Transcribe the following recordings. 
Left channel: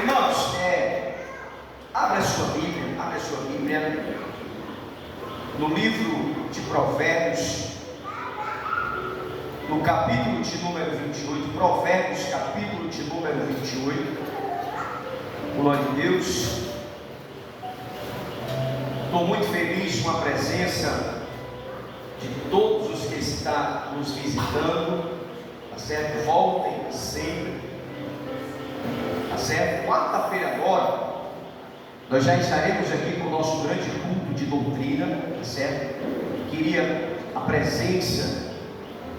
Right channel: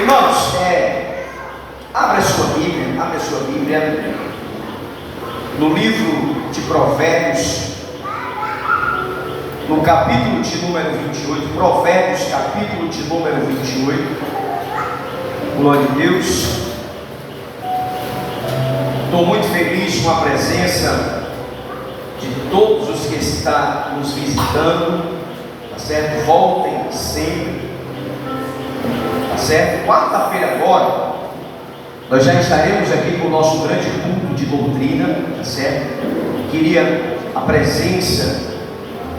Irmãos, abra a sua Bíblia no livro de Provérbios, no capítulo de número 28, Provérbios, capítulo de número 28, glória a Deus. Estou muito feliz com a presença de todos os que estão nos visitando, tá certo? Voltem sempre, tá certo? Quarta-feira agora, nós já estaremos aqui com o nosso grande culto de doutrina, tá certo? Queria a presença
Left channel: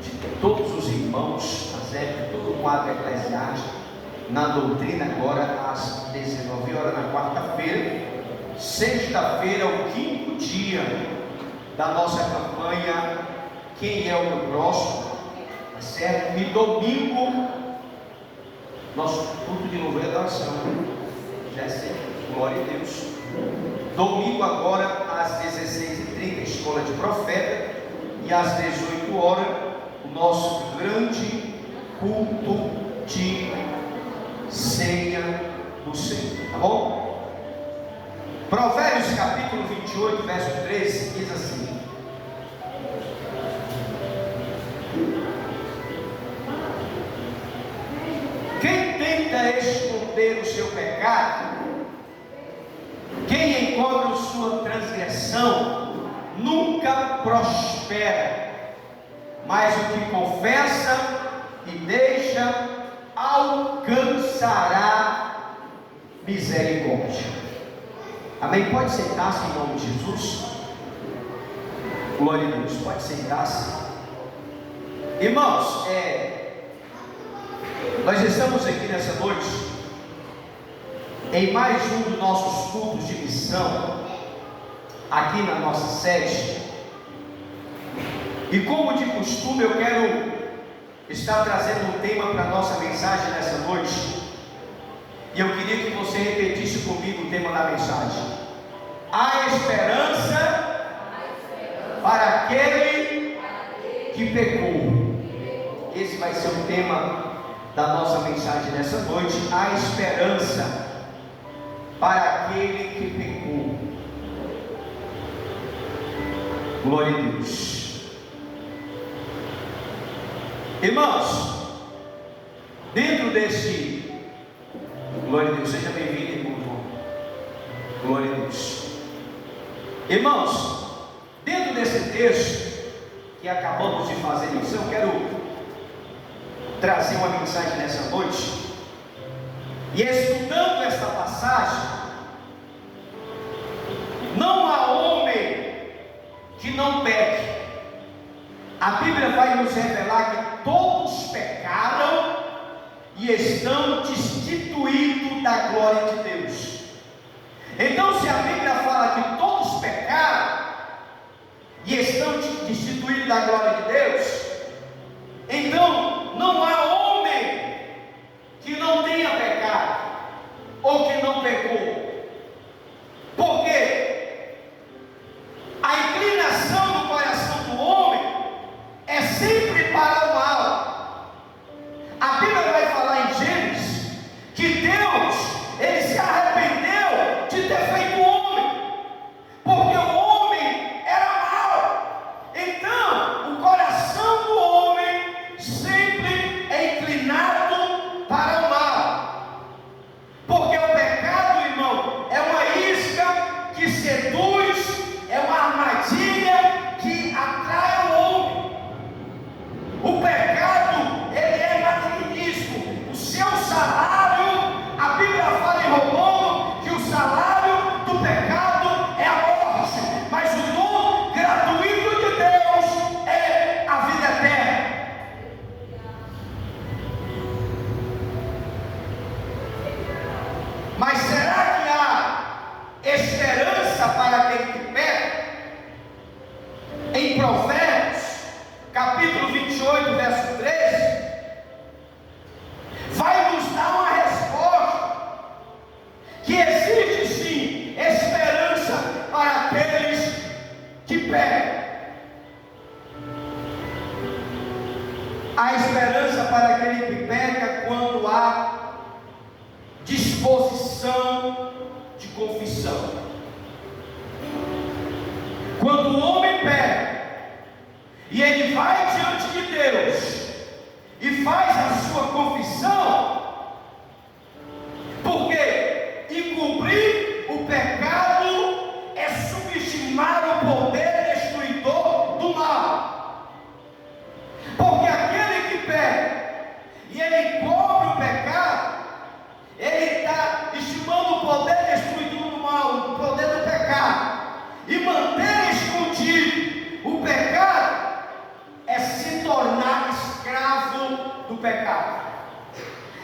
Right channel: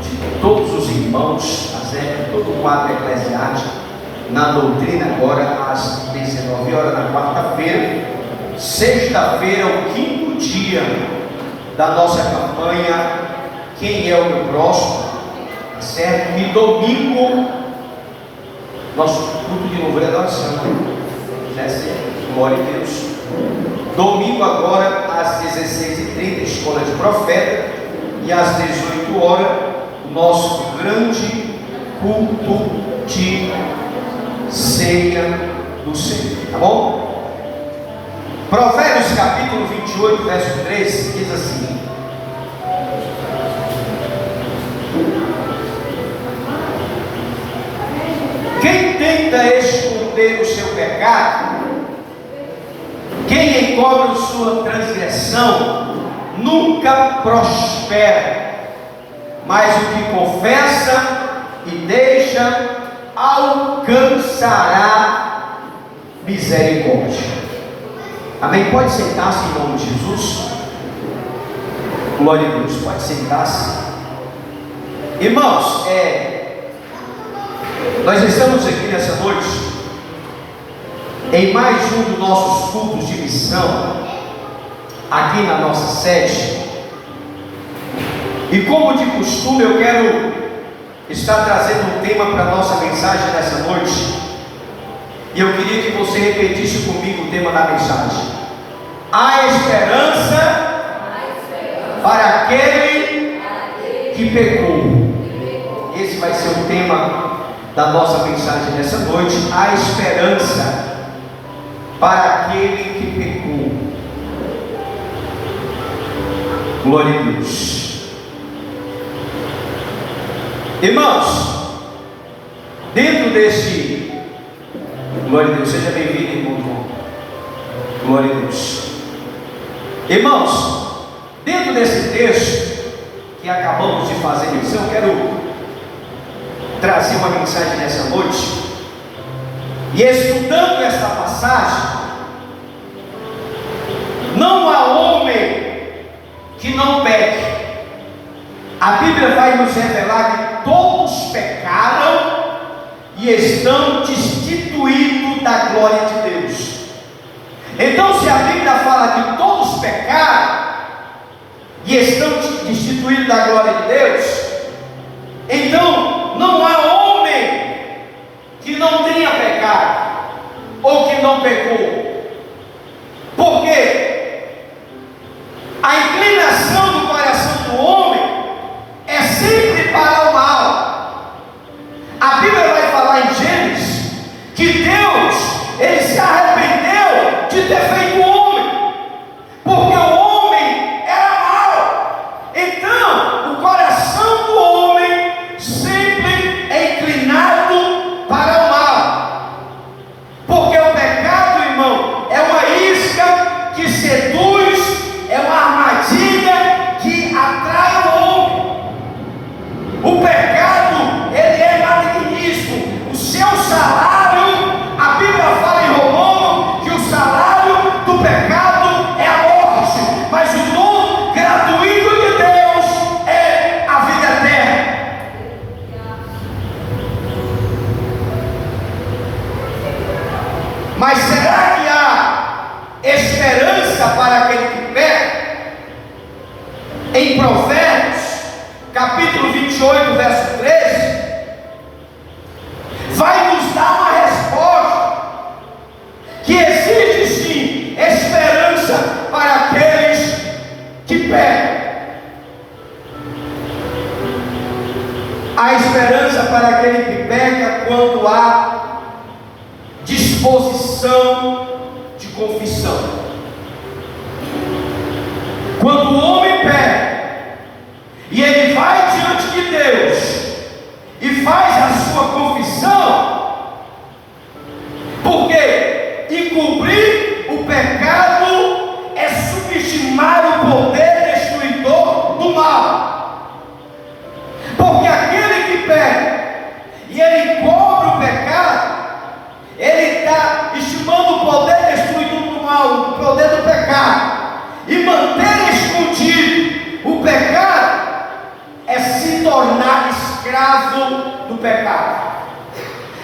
de todos os irmãos, tá certo? Todo o quadro eclesiástico na doutrina agora às 19 horas na quarta-feira. Sexta-feira, o quinto dia da nossa campanha Quem é o meu próximo, tá certo? E domingo, nosso culto de louvor e adoração, glória a Deus. Domingo agora às 16h30, escola de profeta, e às 18 horas o nosso grande culto de ceia do Senhor, tá bom? Provérbios capítulo 28, verso 13, diz assim: quem tenta esconder o seu pecado, quem encobre sua transgressão, nunca prospera, mas o que confessa e deixa alcançará misericórdia. Amém? Pode sentar-se em nome de Jesus. Glória a Deus. Pode sentar-se. Irmãos, nós estamos aqui nessa noite em mais um dos nossos cultos de missão aqui na nossa sede. E como de costume, eu quero estar trazendo um tema para a nossa mensagem nessa noite. E eu queria que você repetisse comigo o tema da mensagem: há esperança para aquele que pecou. Esse vai ser o tema da nossa mensagem nessa noite. Há esperança para aquele que pecou. Glória a Deus. Irmãos, dentro desse... Glória a Deus, seja bem-vindo, irmão. Glória a Deus. Irmãos, dentro desse texto que acabamos de fazer menção, eu quero trazer uma mensagem nessa noite. E estudando esta passagem, não há homem que não peque. A Bíblia vai nos revelar que todos pecaram e estão destituídos da glória de Deus. Então, se a Bíblia fala que todos pecaram e estão destituídos da glória de Deus, então não há homem que não tenha pecado ou que não pecou. Por quê? A inclinação do coração do homem é sempre para o mal. A Bíblia vai falar em Gênesis que Deus, ele se arrependeu de ter feito o homem, porque o homem era mau. Então, o coração do homem sempre é inclinado para o mal, porque o pecado, irmão, é uma isca que seduz, é uma armadilha que atrai o homem. O pecado, ele é malignismo. O seu salário, a Bíblia fala em Romano que o salário do pecado é a morte, mas o dom gratuito de Deus é a vida eterna. Mas será que há esperança para aquele que peca? Em Provérbios capítulo 28, verso 13, vai nos dar uma resposta que existe sim esperança para aqueles que pecam. Há esperança para aquele que peca quando há disposição condição de confissão. Quando o homem pega e ele vai diante de Deus e faz a sua confissão, porque encobrir o pecado é subestimar o poder destruidor do mal. Porque aquele que pega e ele cobre o pecado, ele está estimando o poder destruidor do mal, o poder do pecado, e manter escondido o pecado é se tornar escravo do pecado.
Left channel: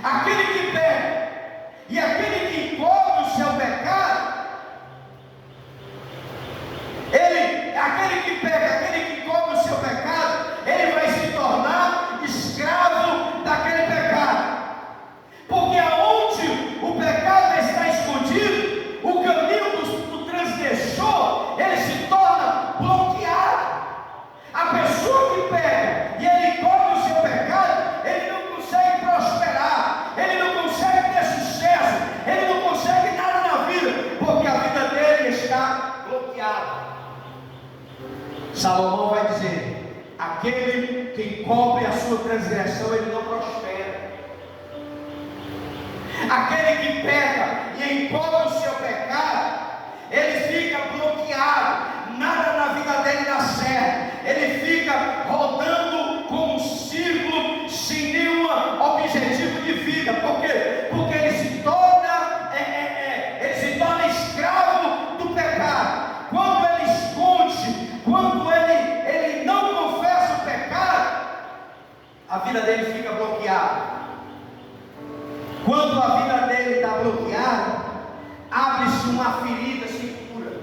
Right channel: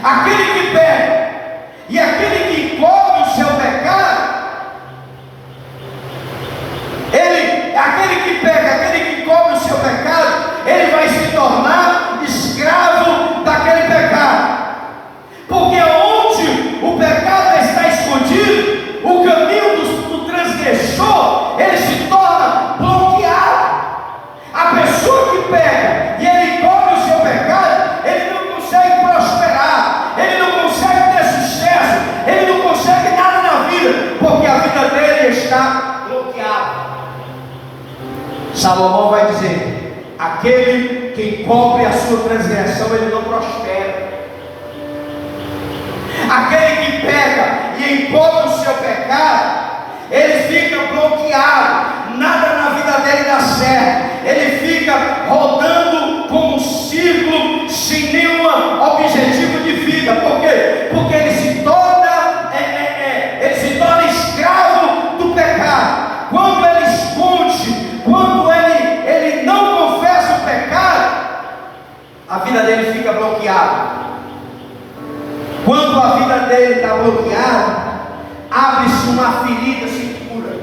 Aquele que pega e aquele que cobre o seu pecado, aquele que pega, aquele que cobre o seu pecado, ele vai se tornar escravo daquele pecado. Porque onde o pecado está escondido, o caminho do transgressor, ele se torna bloqueado. A pessoa que pega e ele cobre o seu pecado, ele não consegue prosperar, ele não consegue ter sucesso, ele não consegue nada na vida, porque a vida dele está bloqueada. Salomão vai dizer: aquele que cobre a sua transgressão, ele não prospera. Aquele que pega e encobre o seu pecado, ele fica bloqueado, nada na vida dele dá certo, ele fica rodando como um círculo sem nenhum objetivo de vida. Por quê? Porque ele se torna escravo do pecado. Quando ele esconde, quando ele não confessa o pecado, a vida dele fica bloqueada. Quando a vida dele está bloqueada, abre-se uma ferida sem cura,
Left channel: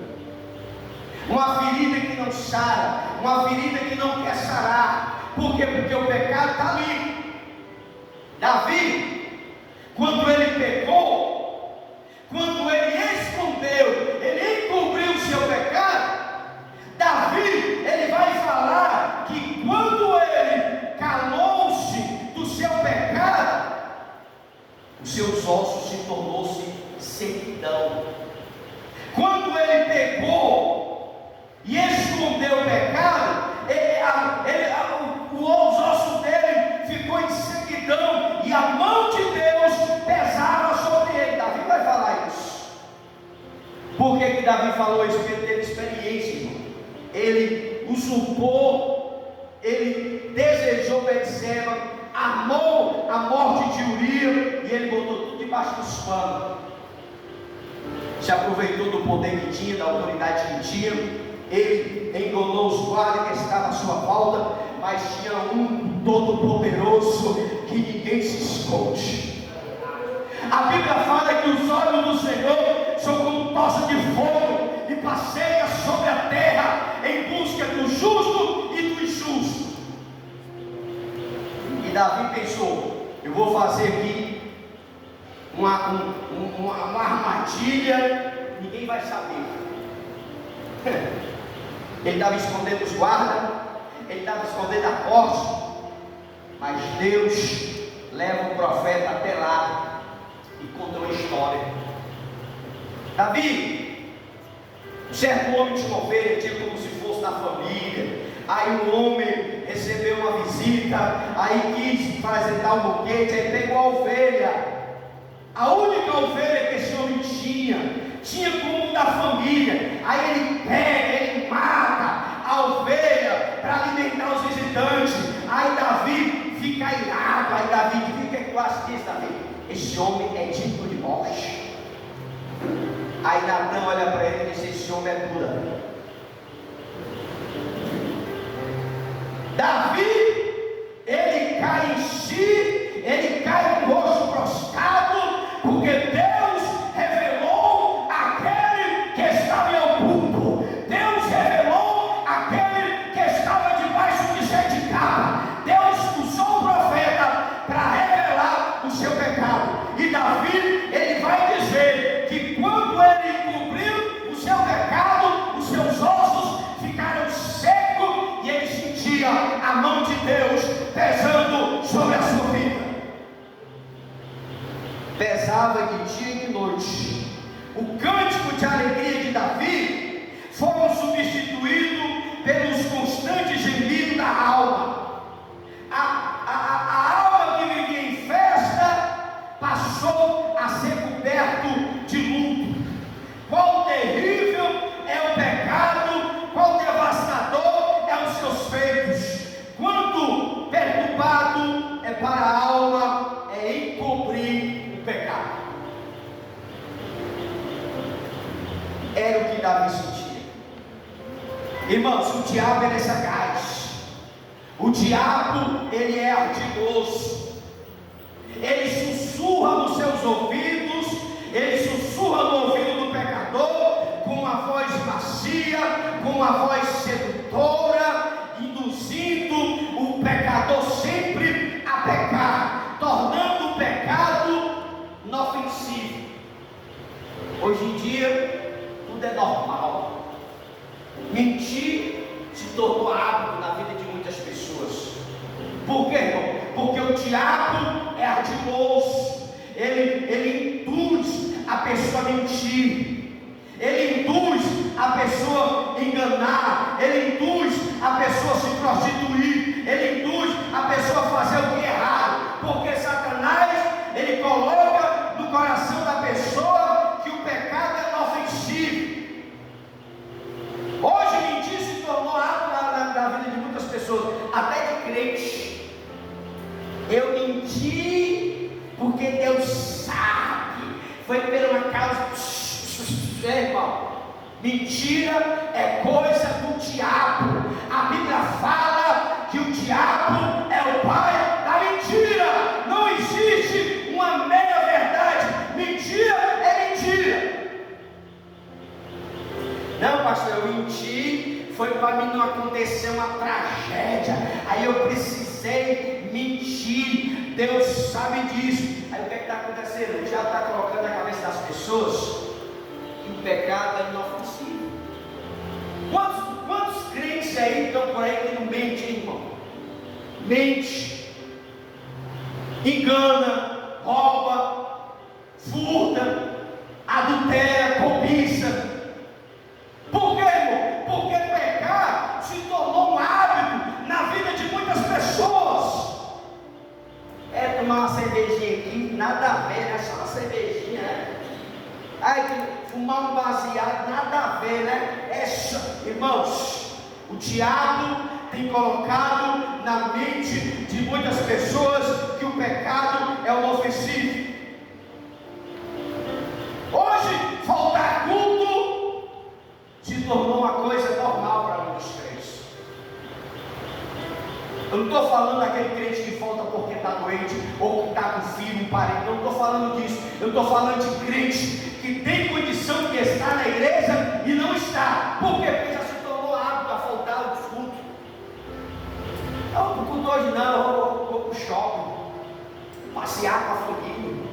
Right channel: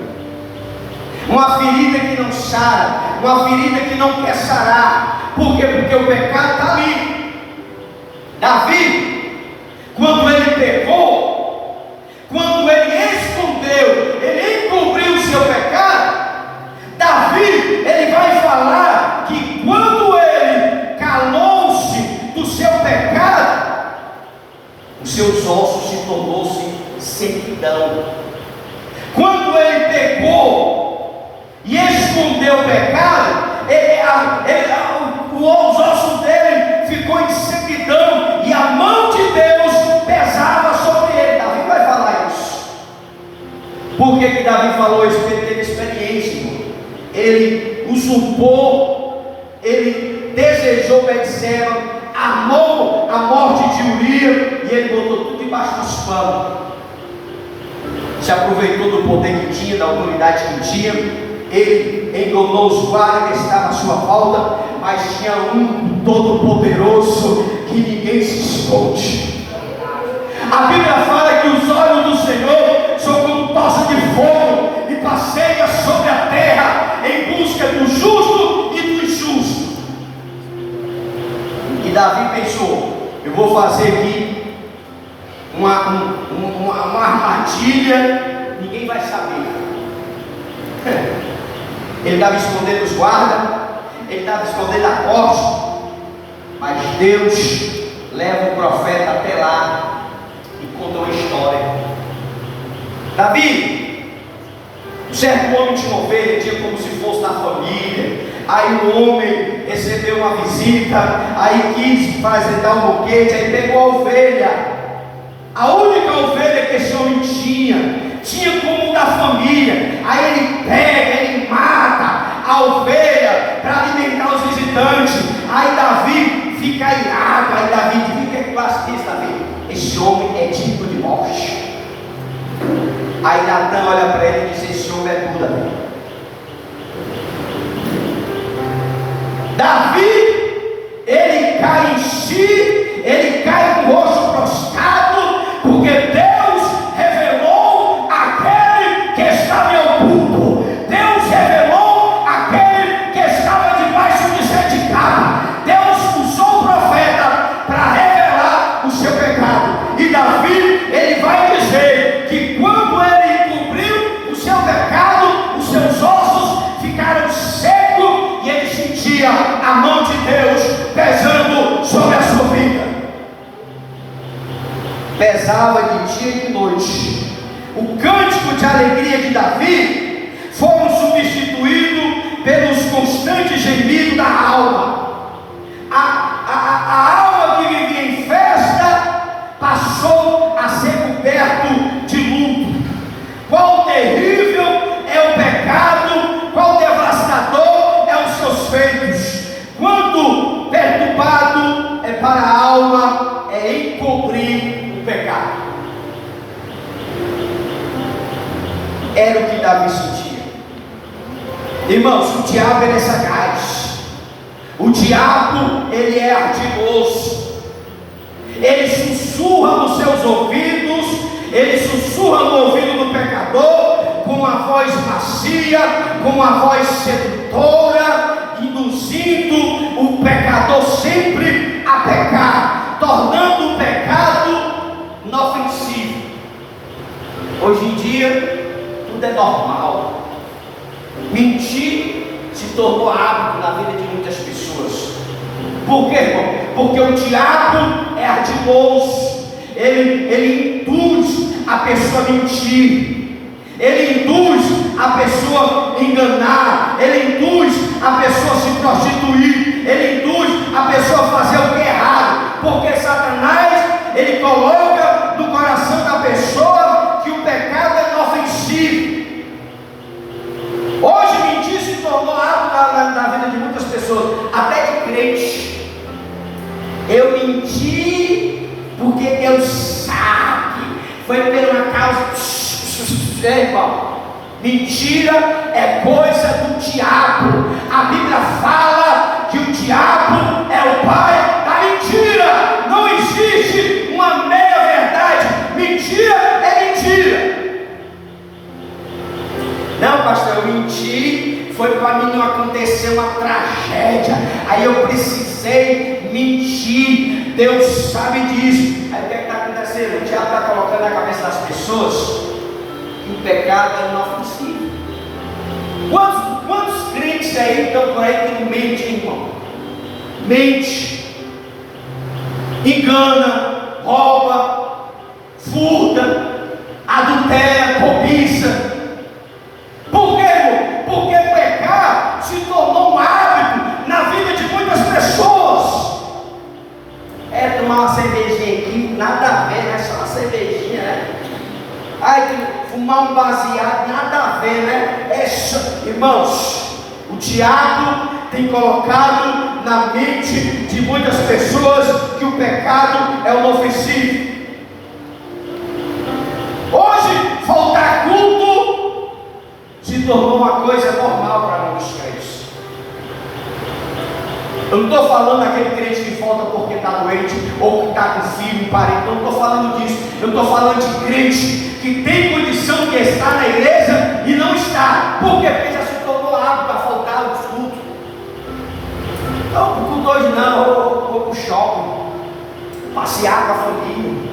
uma ferida que não sara, uma ferida que não quer sarar. Por quê? Porque o pecado está ali. Davi, quando ele pecou, quando ele escondeu, ele encobriu o seu pecado, Davi, ele vai falar que quando ele calou-se do seu pecado, os seus ossos se tornou-se sequidão. Quando ele pecou e escondeu o pecado, os ossos dele ficou em sequidão e a mão de Deus pesava sobre ele. Davi vai falar isso. Por que Davi falou isso? Porque ele teve experiência, irmão. Ele usurpou, ele desejou Betseba, amou a morte de Urias e ele botou tudo debaixo dos panos. Se aproveitou do poder que tinha, da autoridade que tinha. Ele enganou os guardas que estavam à sua volta, mas tinha um todo-poderoso que ninguém se esconde. A Bíblia fala que os olhos do Senhor são como tocha de fogo e passeia sobre a terra em busca do justo e do injusto. E Davi pensou: eu vou fazer aqui uma armadilha, ninguém vai saber. Ele estava escondendo os guardas, ele estava escondendo a corte, mas Deus leva o profeta até lá e conta uma história. Davi, um certo homem tinha uma ovelha, tinha como se fosse da família. Aí o homem recebeu uma visita, aí quis apresentar um boquete, aí pegou a ovelha, a única ovelha que esse homem tinha como da família. Aí ele pega, ele mata a ovelha para alimentar os visitantes. Aí Davi fica irado. Aí Davi diz: o que é que tu acha disso, Davi? Esse homem é digno de morte. Aí Natan olha para ele e diz: esse homem é tudo, Davi. Davi, ele cai em si, ele cai com o rosto prostrado, porque Deus revelou aquele que estava em oculto. Deus revelou aquele que estava debaixo de sete capas. Deus usou o profeta para revelar o seu pecado. E Davi, ele vai dizer que quando ele encobriu o seu revezava de dia e de noite. O cântico de alegria de Davi foi substituído pelos constantes gemidos da alma. A alma que vivia em festa passou a ser coberto de luto. Qual terrível é o pecado, qual devastador é os seus feitos. Quanto perturbado é para a alma é encobrir o pecado. Era o que Davi sentia. Irmãos, o diabo ele é sagaz. O diabo ele é ardiloso. Ele sussurra nos seus ouvidos, ele sussurra no ouvido do pecador com uma voz macia, com uma voz sedutora, induzindo o pecador sempre a pecar, tornando o pecado inofensivo. Hoje em dia tudo é normal. Mentir se tornou hábito na vida de muitas pessoas. Por quê, irmão? Porque o diabo é ardiloso. Ele induz a pessoa a mentir, ele induz a pessoa a enganar, ele induz a pessoa a se prostituir, ele induz a pessoa a fazer o que é errado, porque Satanás ele coloca no coração da pessoa que o pecado é inofensivo. Hoje mentir se tornou hábito na vida de muitas pessoas, até de crente. Eu menti porque Deus sabe, foi por uma causa. Irmão, mentira é coisa do diabo. A Bíblia fala que o diabo é o pai da mentira. Não existe uma meia verdade. Mentira é mentira. Não, pastor, eu menti, foi para mim não acontecer uma tragédia, aí eu precisei mentir. Deus sabe disso. Aí o que está acontecendo? O diabo está colocando na cabeça das pessoas que o pecado é inofensivo. Quantos crentes aí estão por aí que mentem, irmão? Mente, engana, rouba, furta, adultera, cobiça. Por quê, irmão? Porque pecar se tornou um hábito na vida de muitas pessoas. É tomar uma cervejinha aqui, nada a ver, né? Só uma cervejinha, né? Ai, fumar um baseado, nada a ver, né? Irmãos, o diabo tem colocado na mente de muitas pessoas que o pecado é inofensivo. Hoje, faltar culto se tornou uma coisa normal para muitos crentes. Eu não estou falando daquele crente que falta porque está doente ou que está com filho, parente. Eu não estou falando disso. Eu estou falando de crente que tem condição de estar na igreja e não está. Por quê? Porque já se tornou hábito a faltar o culto. Não, o culto hoje não. Eu vou para o shopping, passear com a família.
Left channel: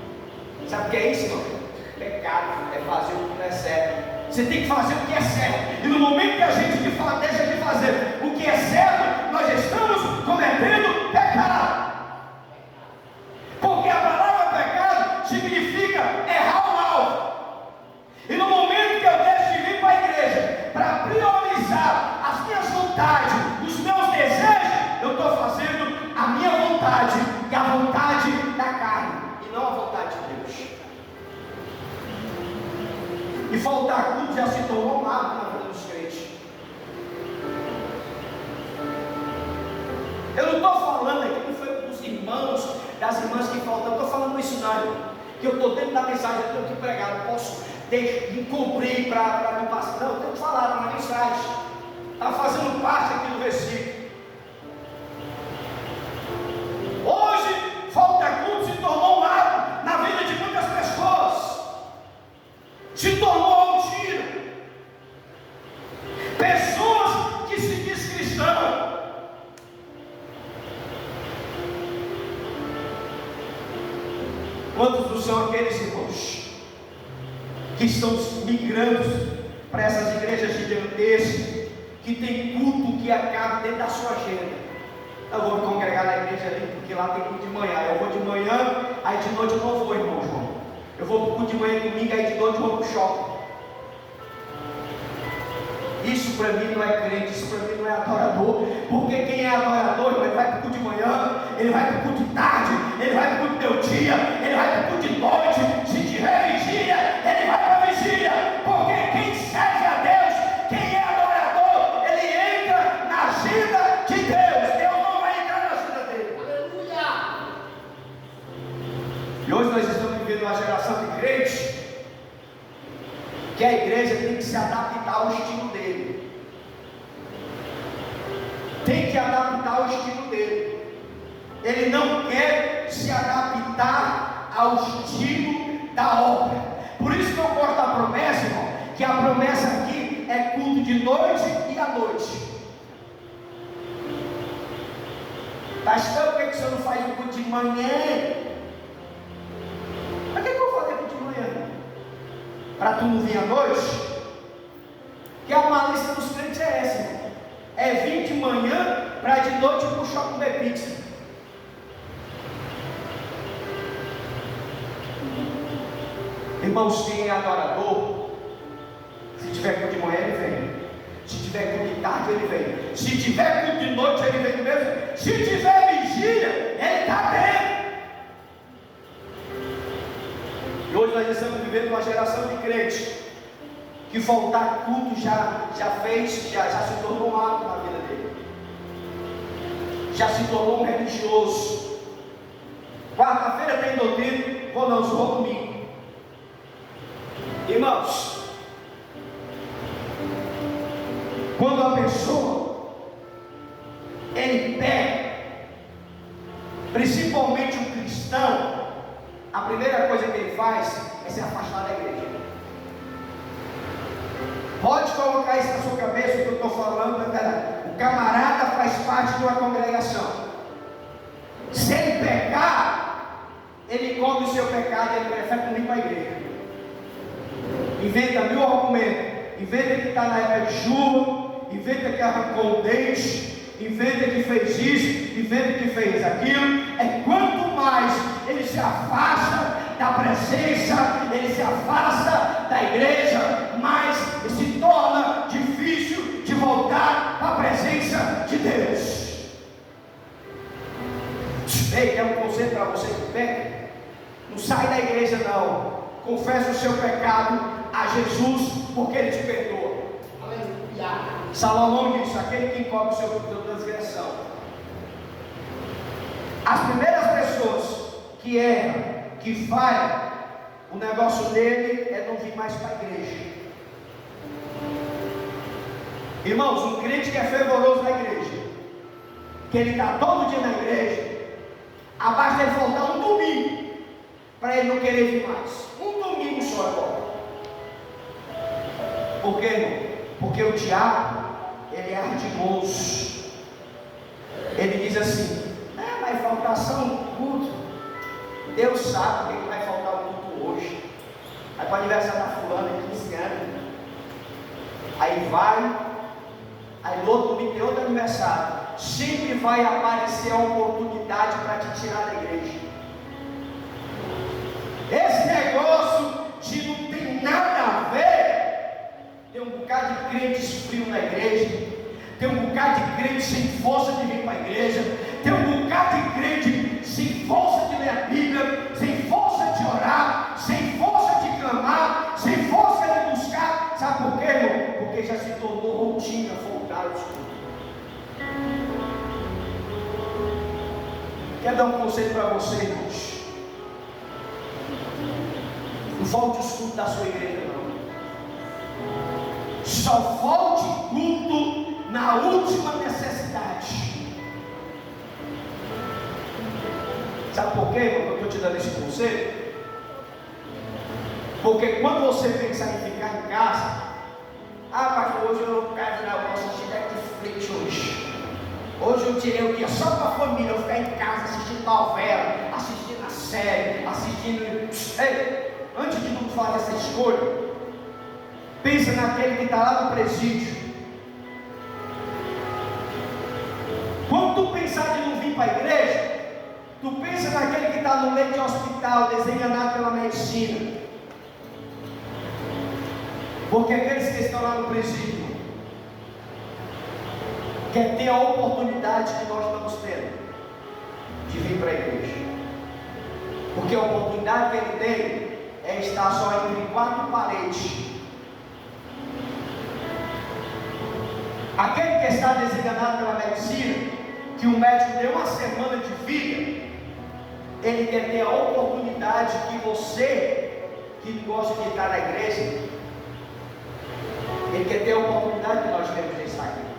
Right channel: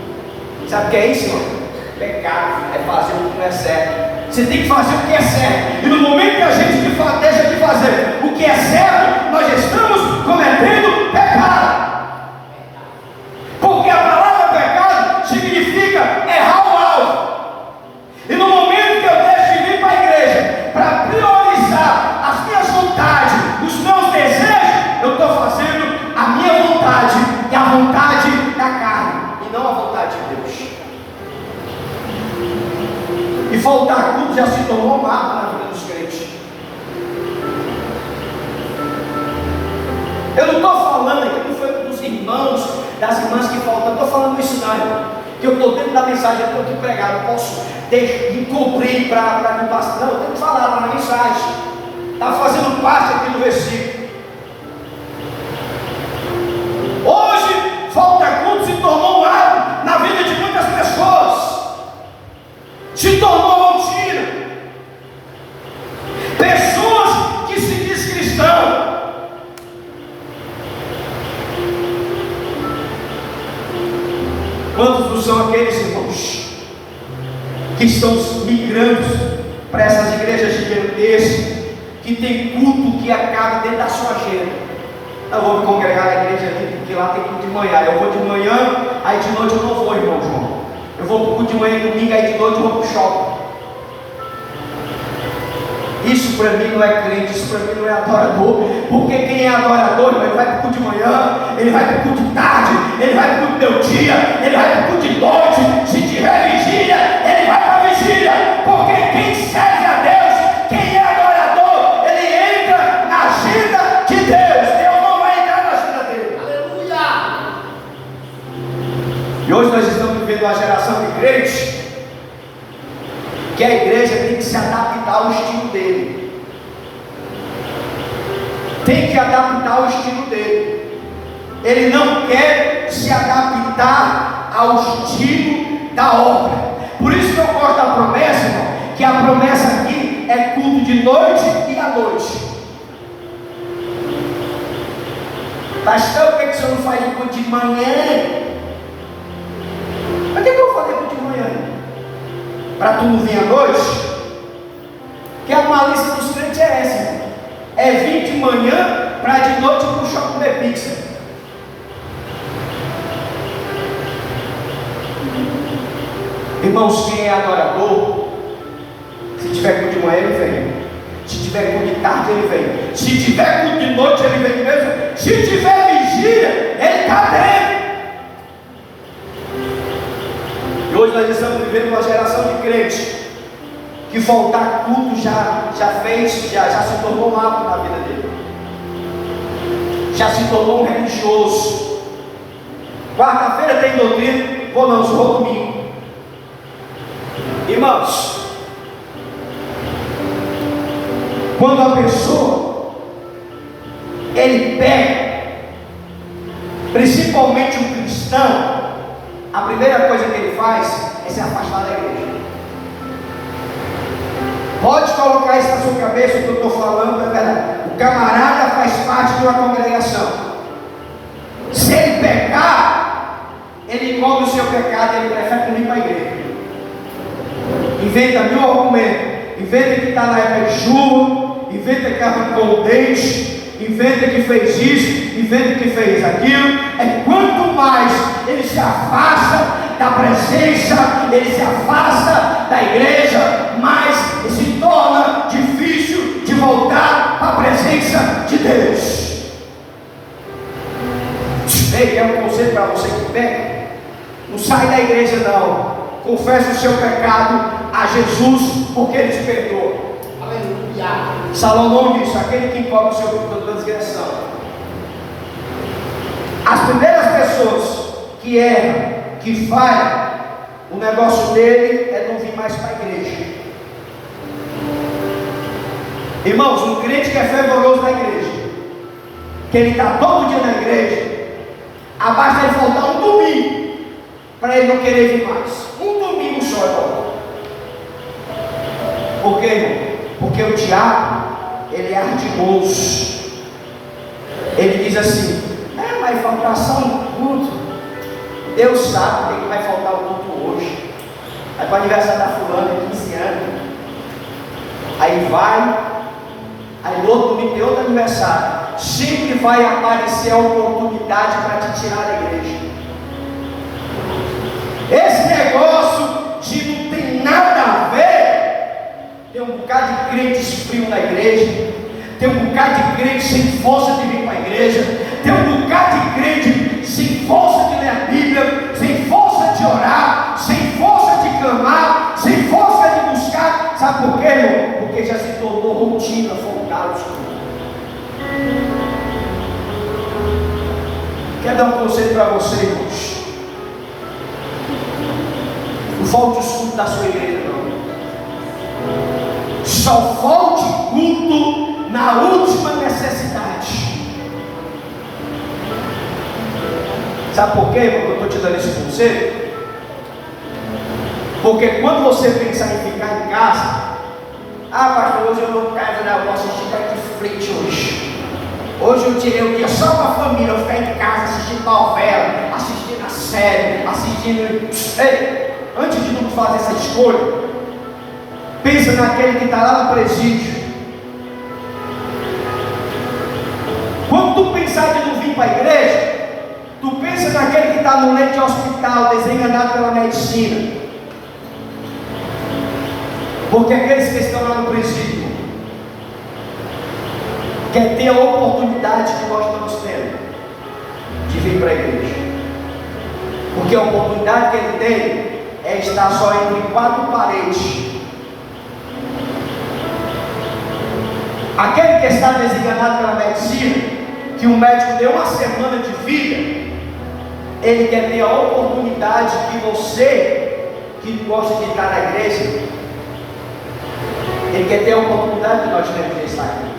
Sabe o que é isso, irmão? Pecado é fazer o que não é certo. Você tem que fazer o que é certo. E no momento que a gente deixa de fazer o que é certo, nós estamos cometendo pecado. Porque a palavra pecado significa errar o alvo. E no momento que eu deixo de vir para a igreja para priorizar as minhas vontades, os meus desejos, eu estou fazendo a minha vontade e a vontade da carne, e não a vontade de Deus. E faltar tudo já se tornou um hábito na vida dos crentes. Eu não estou falando aqui, não foi dos irmãos, das irmãs que faltam, eu estou falando isso não, irmão. Que eu estou dentro da mensagem, eu estou aqui pregado, eu posso encobrir para me passar. Não, eu tenho que falar na mensagem. Está fazendo parte aqui do versículo. Hoje, falta culto se tornou um hábito na vida de muitas pessoas. Se tornou mentira. Pessoas que se diz cristão. Quantos não são aqueles irmãos que estão migrando para essas igrejas gigantescas, que tem culto que acaba dentro da sua agenda? Eu vou me congregar na igreja ali, porque lá tem culto de manhã. Eu vou de manhã, aí de noite eu não vou, irmão João. culto de manhã e domingo, aí de noite eu vou para o shopping. Isso para mim não é crente, isso para mim não é adorador. Porque quem é adorador, ele vai para o culto de manhã, ele vai para o culto de tarde, ele vai para o culto de dia, ele vai para o culto de noite. Se tiver vigília, ele vai para a vigília. Porque quem serve a Deus, quem é adorador, ele entra na agenda de Deus. Deus não vai entrar na agenda dele. Aleluia! E hoje nós estamos vivendo uma geração de crentes que a igreja tem que se adaptar ao estilo dele. Tem que adaptar ao estilo dele. Ele não quer se adaptar ao estilo da obra. Por isso que eu gosto da promessa, irmão, que a promessa aqui é culto de noite e à noite. Pastor, por que o senhor não faz o culto de manhã? Mas o que eu vou fazer culto de manhã? Para tu não vir à noite? Que a malícia dos crentes é essa, irmão. É vir de manhã para de noite para o shopping comer pizza. Irmãos, quem é adorador, se tiver culto de manhã ele vem, se tiver culto de tarde ele vem, se tiver culto de noite ele vem mesmo, se tiver vigília ele está dentro. E hoje nós estamos vivendo uma geração de crentes que faltar culto já se tornou um hábito na vida dele, já se tornou um religioso. Quarta-feira tem doutrina, vou não, vou domingo. Irmãos, quando a pessoa ele pega, principalmente um cristão, a primeira coisa que ele faz é se afastar da igreja. Pode colocar isso na sua cabeça, o que eu estou falando é verdade. O camarada faz parte de uma congregação. Se ele pecar, ele cobre o seu pecado, ele prefere não ir para a igreja. Inventa mil argumentos, inventa que está na época de chuva, inventa que arrancou o dente, inventa que fez isso, inventa que fez aquilo. É quanto mais ele se afasta da presença, ele se afasta da igreja, mais se torna difícil de voltar à presença de Deus. Ei, é um conselho para você que pega. Não sai da igreja não. Confessa o seu pecado a Jesus, porque Ele te perdoa. Aleluia. Salomão disse: aquele que encobre o seu pecado da transgressão. As primeiras pessoas que erram, que falham, o negócio dele é não vir mais para a igreja. Irmãos, um crente que é fervoroso na igreja, que ele está todo dia na igreja, abasta ele faltar um domingo para ele não querer vir mais. Um domingo só, irmão. Por quê, irmão? Porque o diabo, ele é ardiloso. Ele diz assim: mas faltar só um culto. Deus sabe que vai faltar o culto hoje. Aí para o aniversário da fulana, 15 anos. Aí vai. Aí no outro domingo tem outro aniversário. Sempre vai aparecer a oportunidade para te tirar da igreja. Esse negócio de não tem nada a ver. Tem um bocado de crentes frios na igreja. Tem um bocado de crente sem força de vir para a igreja. Tem um bocado de crente sem força de ler a Bíblia, sem força de orar, sem força de clamar, sem força de buscar. Sabe por quê, irmão? Porque já se tornou rotina, folgado. Quero dar um conselho para você, irmãos. Não falte o culto da sua igreja, não. Só falte culto na última necessidade. Sabe por quê, irmão, que eu estou te dando esse conselho? Porque quando você pensar em ficar em casa, pastor, hoje eu não quero, não, eu vou assistir Netflix hoje. Hoje eu tirei o dia só com a família, eu ficar em casa assistindo novela, assistindo a série, assistindo. Ei, antes de tu fazer essa escolha, pensa naquele que está lá no presídio. Quando tu pensar de não vir para a igreja, tu pensa naquele que está no leito de hospital, desenganado pela medicina. Porque aqueles que estão lá no presídio quer ter a oportunidade que nós estamos tendo de vir para a igreja. Porque a oportunidade que ele tem é estar só entre quatro paredes. Aquele que está desenganado pela medicina, que o médico deu uma semana de vida, ele quer ter a oportunidade que você, que gosta de estar na igreja, ele quer ter a oportunidade que nós temos de estar aqui.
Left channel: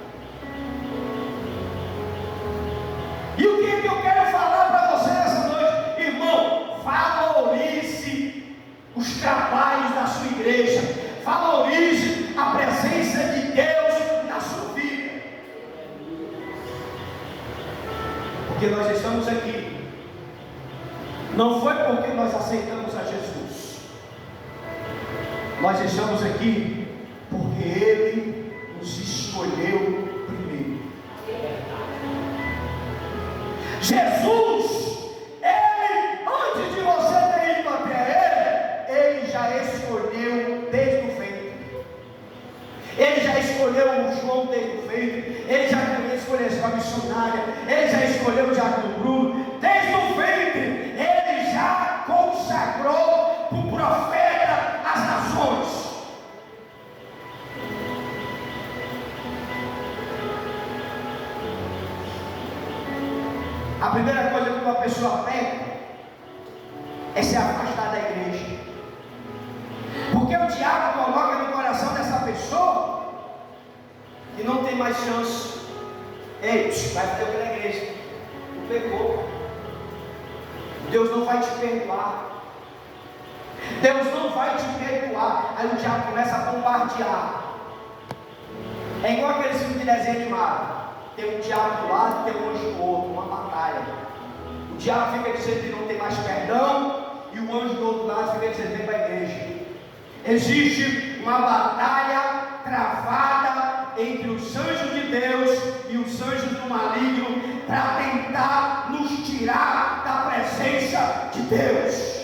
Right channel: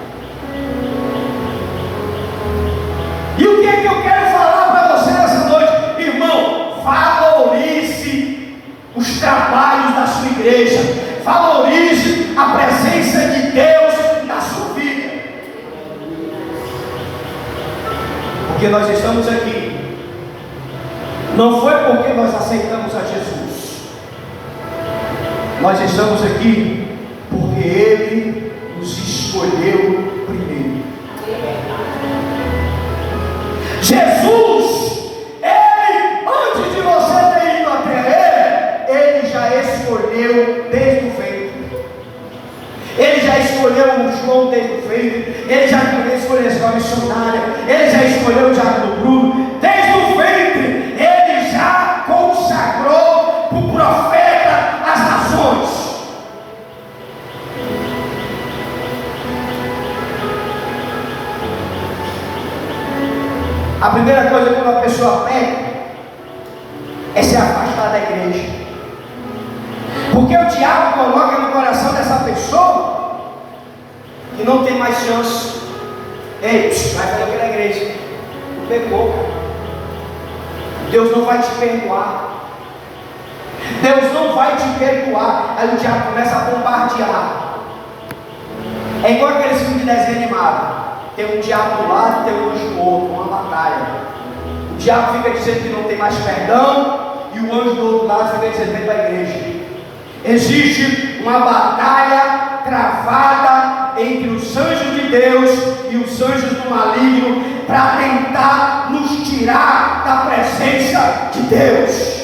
E o que é que eu quero falar para você nessa noite? Irmão, valorize os trabalhos da sua igreja, valorize a presença de Deus na sua vida, porque nós estamos aqui, não foi porque nós aceitamos a Jesus, nós estamos aqui porque Ele nos escolheu primeiro. Jesus, Ele, antes de você ter ido até Ele já escolheu desde o ventre. Ele já escolheu o João desde o ventre. Ele já escolheu a escola missionária. Ele já escolheu o Diácono Bruno. Desde o ventre, Ele já consagrou para o profeta as nações. A primeira coisa quando a pessoa peca é se afastar da igreja, porque o diabo coloca no coração dessa pessoa que não tem mais chance. Ei, vai fazer o que na igreja? Tu pecou, Deus não vai te perdoar, Deus não vai te perdoar. Aí o diabo começa a bombardear. É igual aqueles filmes de desenho animado. Tem um diabo do lado e tem um anjo do outro, uma batalha. O diabo fica dizendo que não tem mais perdão, e o anjo do outro lado fica dizendo: vem para a igreja. Existe uma batalha travada entre os anjos de Deus e os anjos do maligno para tentar nos tirar da presença de Deus.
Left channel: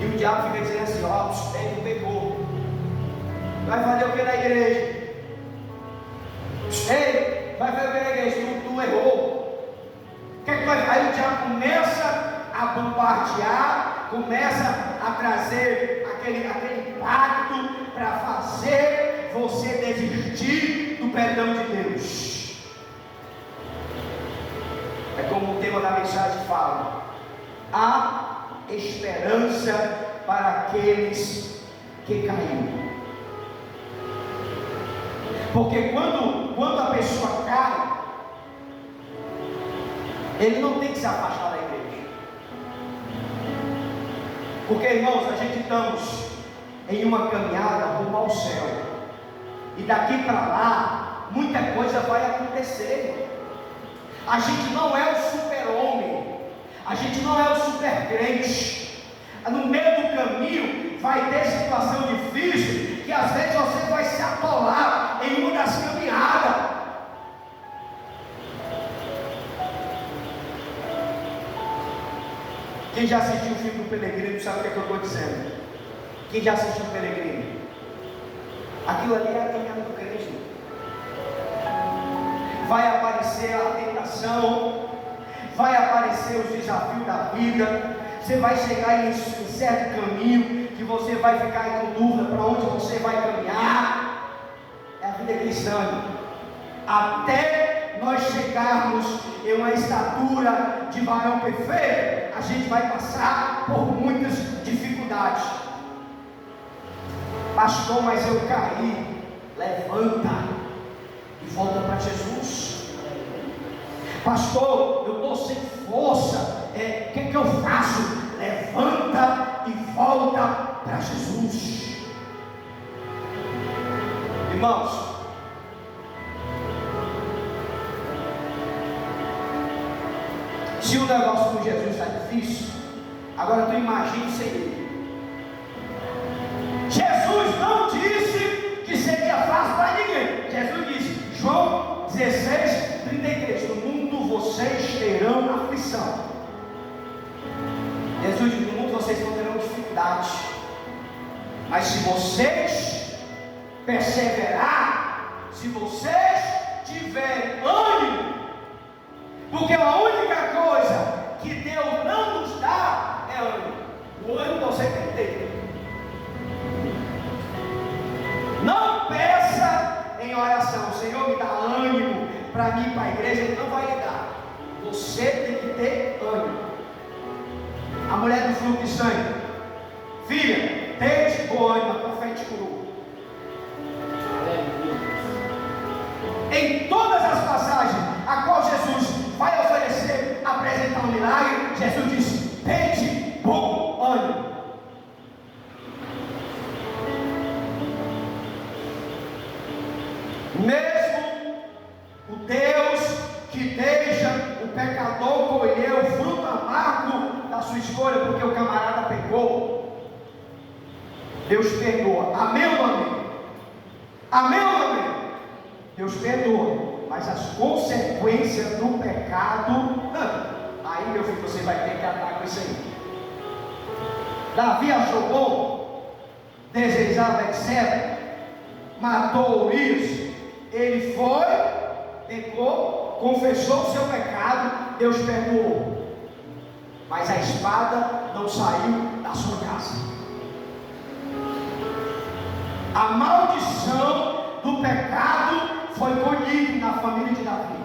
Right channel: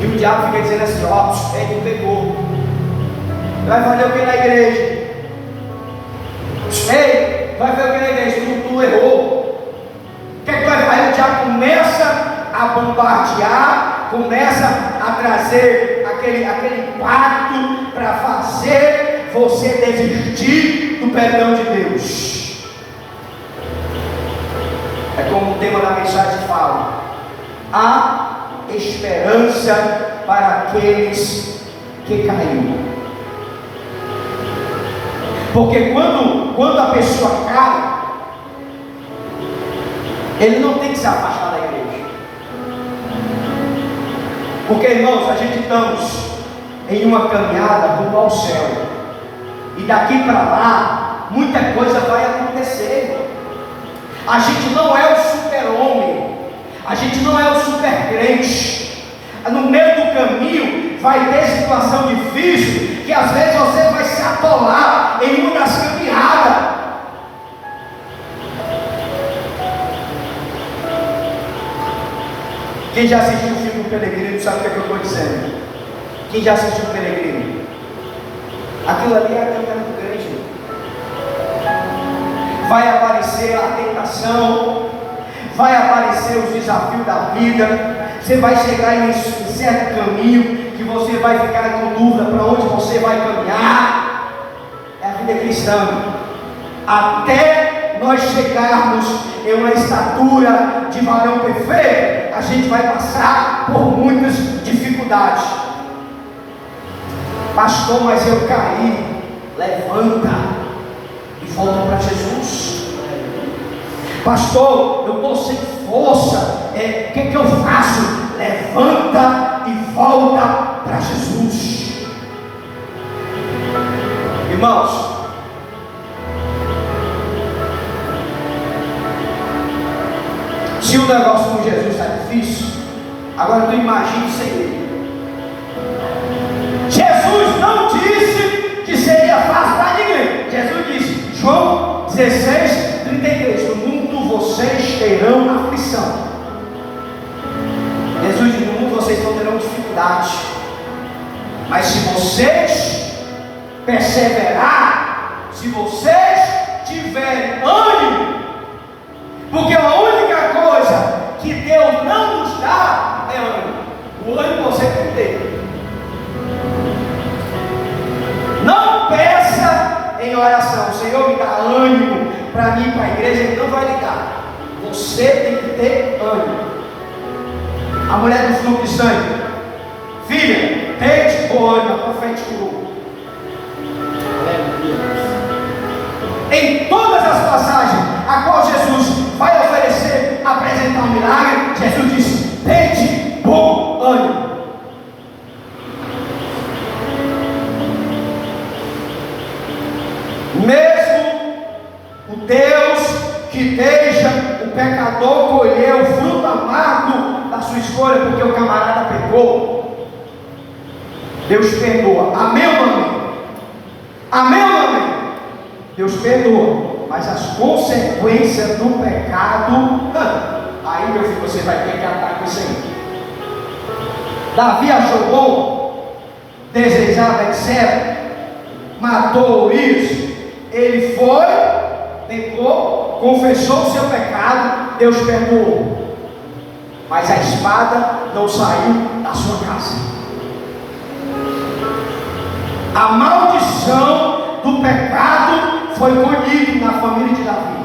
E o diabo fica dizendo assim: ó, tu pegou, vai fazer o que na igreja? Ei, vai ver o que na igreja? Tu errou. O que é que vai fazer? O diabo começa a bombardear, começa a trazer aquele pacto para fazer você desistir do perdão de Deus. É como o tema da mensagem fala: há esperança para aqueles que caíram. Porque quando a pessoa cai, ele não tem que se afastar da igreja. Porque, irmãos, a gente estamos em uma caminhada rumo ao céu, e daqui para lá muita coisa vai acontecer. A gente não é o super-homem, a gente não é o super-crente. No meio do caminho vai ter situação difícil, que às vezes você vai se atolar em uma das caminhadas. Quem já assistiu o filme do Peregrino sabe o que é que eu estou dizendo. Quem já assistiu o Peregrino? Aquilo ali é a caminhada do crente. Vai aparecer a tentação, vai aparecer os desafios da vida. Você vai chegar em certo caminho que você vai ficar com dúvida para onde você vai caminhar. É a vida cristã. Até nós chegarmos em uma estatura de varão perfeito, a gente vai passar por muitas dificuldades. Pastor, mas eu caí. Levanta e volta para Jesus. Pastor, eu estou sem força. O que eu faço? Levanta e volta para Jesus. Irmãos, se o negócio com Jesus está difícil, agora tu imagine sem ele. Jesus não disse que seria fácil para ninguém. Jesus disse, João 16:33, no mundo vocês terão aflição. Jesus diz, no mundo vocês não terão dificuldade. Mas se vocês perseverar, se vocês tiverem ânimo, porque a única coisa que Deus não nos dá é ânimo. O ânimo você tem que ter. Não peça em oração: Senhor, me dá ânimo para mim ir para a igreja. Ele não vai lhe dar. Você tem que ter ânimo. A mulher do fluxo de sangue: filha, deite com ânimo, a profeta curou. Em todas as passagens a qual Jesus vai oferecer, apresentar um milagre, Jesus disse: deite com ânimo. Mesmo o Deus que deixa o pecador colher o fruto amargo da sua escolha, porque o camarada pecou, Deus perdoa. Amém ou amém? Amém ou amém? Deus perdoa, mas as consequências do pecado, aí meu filho, você vai ter que atar com isso aí. Davi achou bom, desejava Betseba, matou Urias. Ele foi, pecou, confessou o seu pecado, Deus perdoou, mas a espada não saiu da sua casa. A maldição do pecado foi colhida na família de Davi.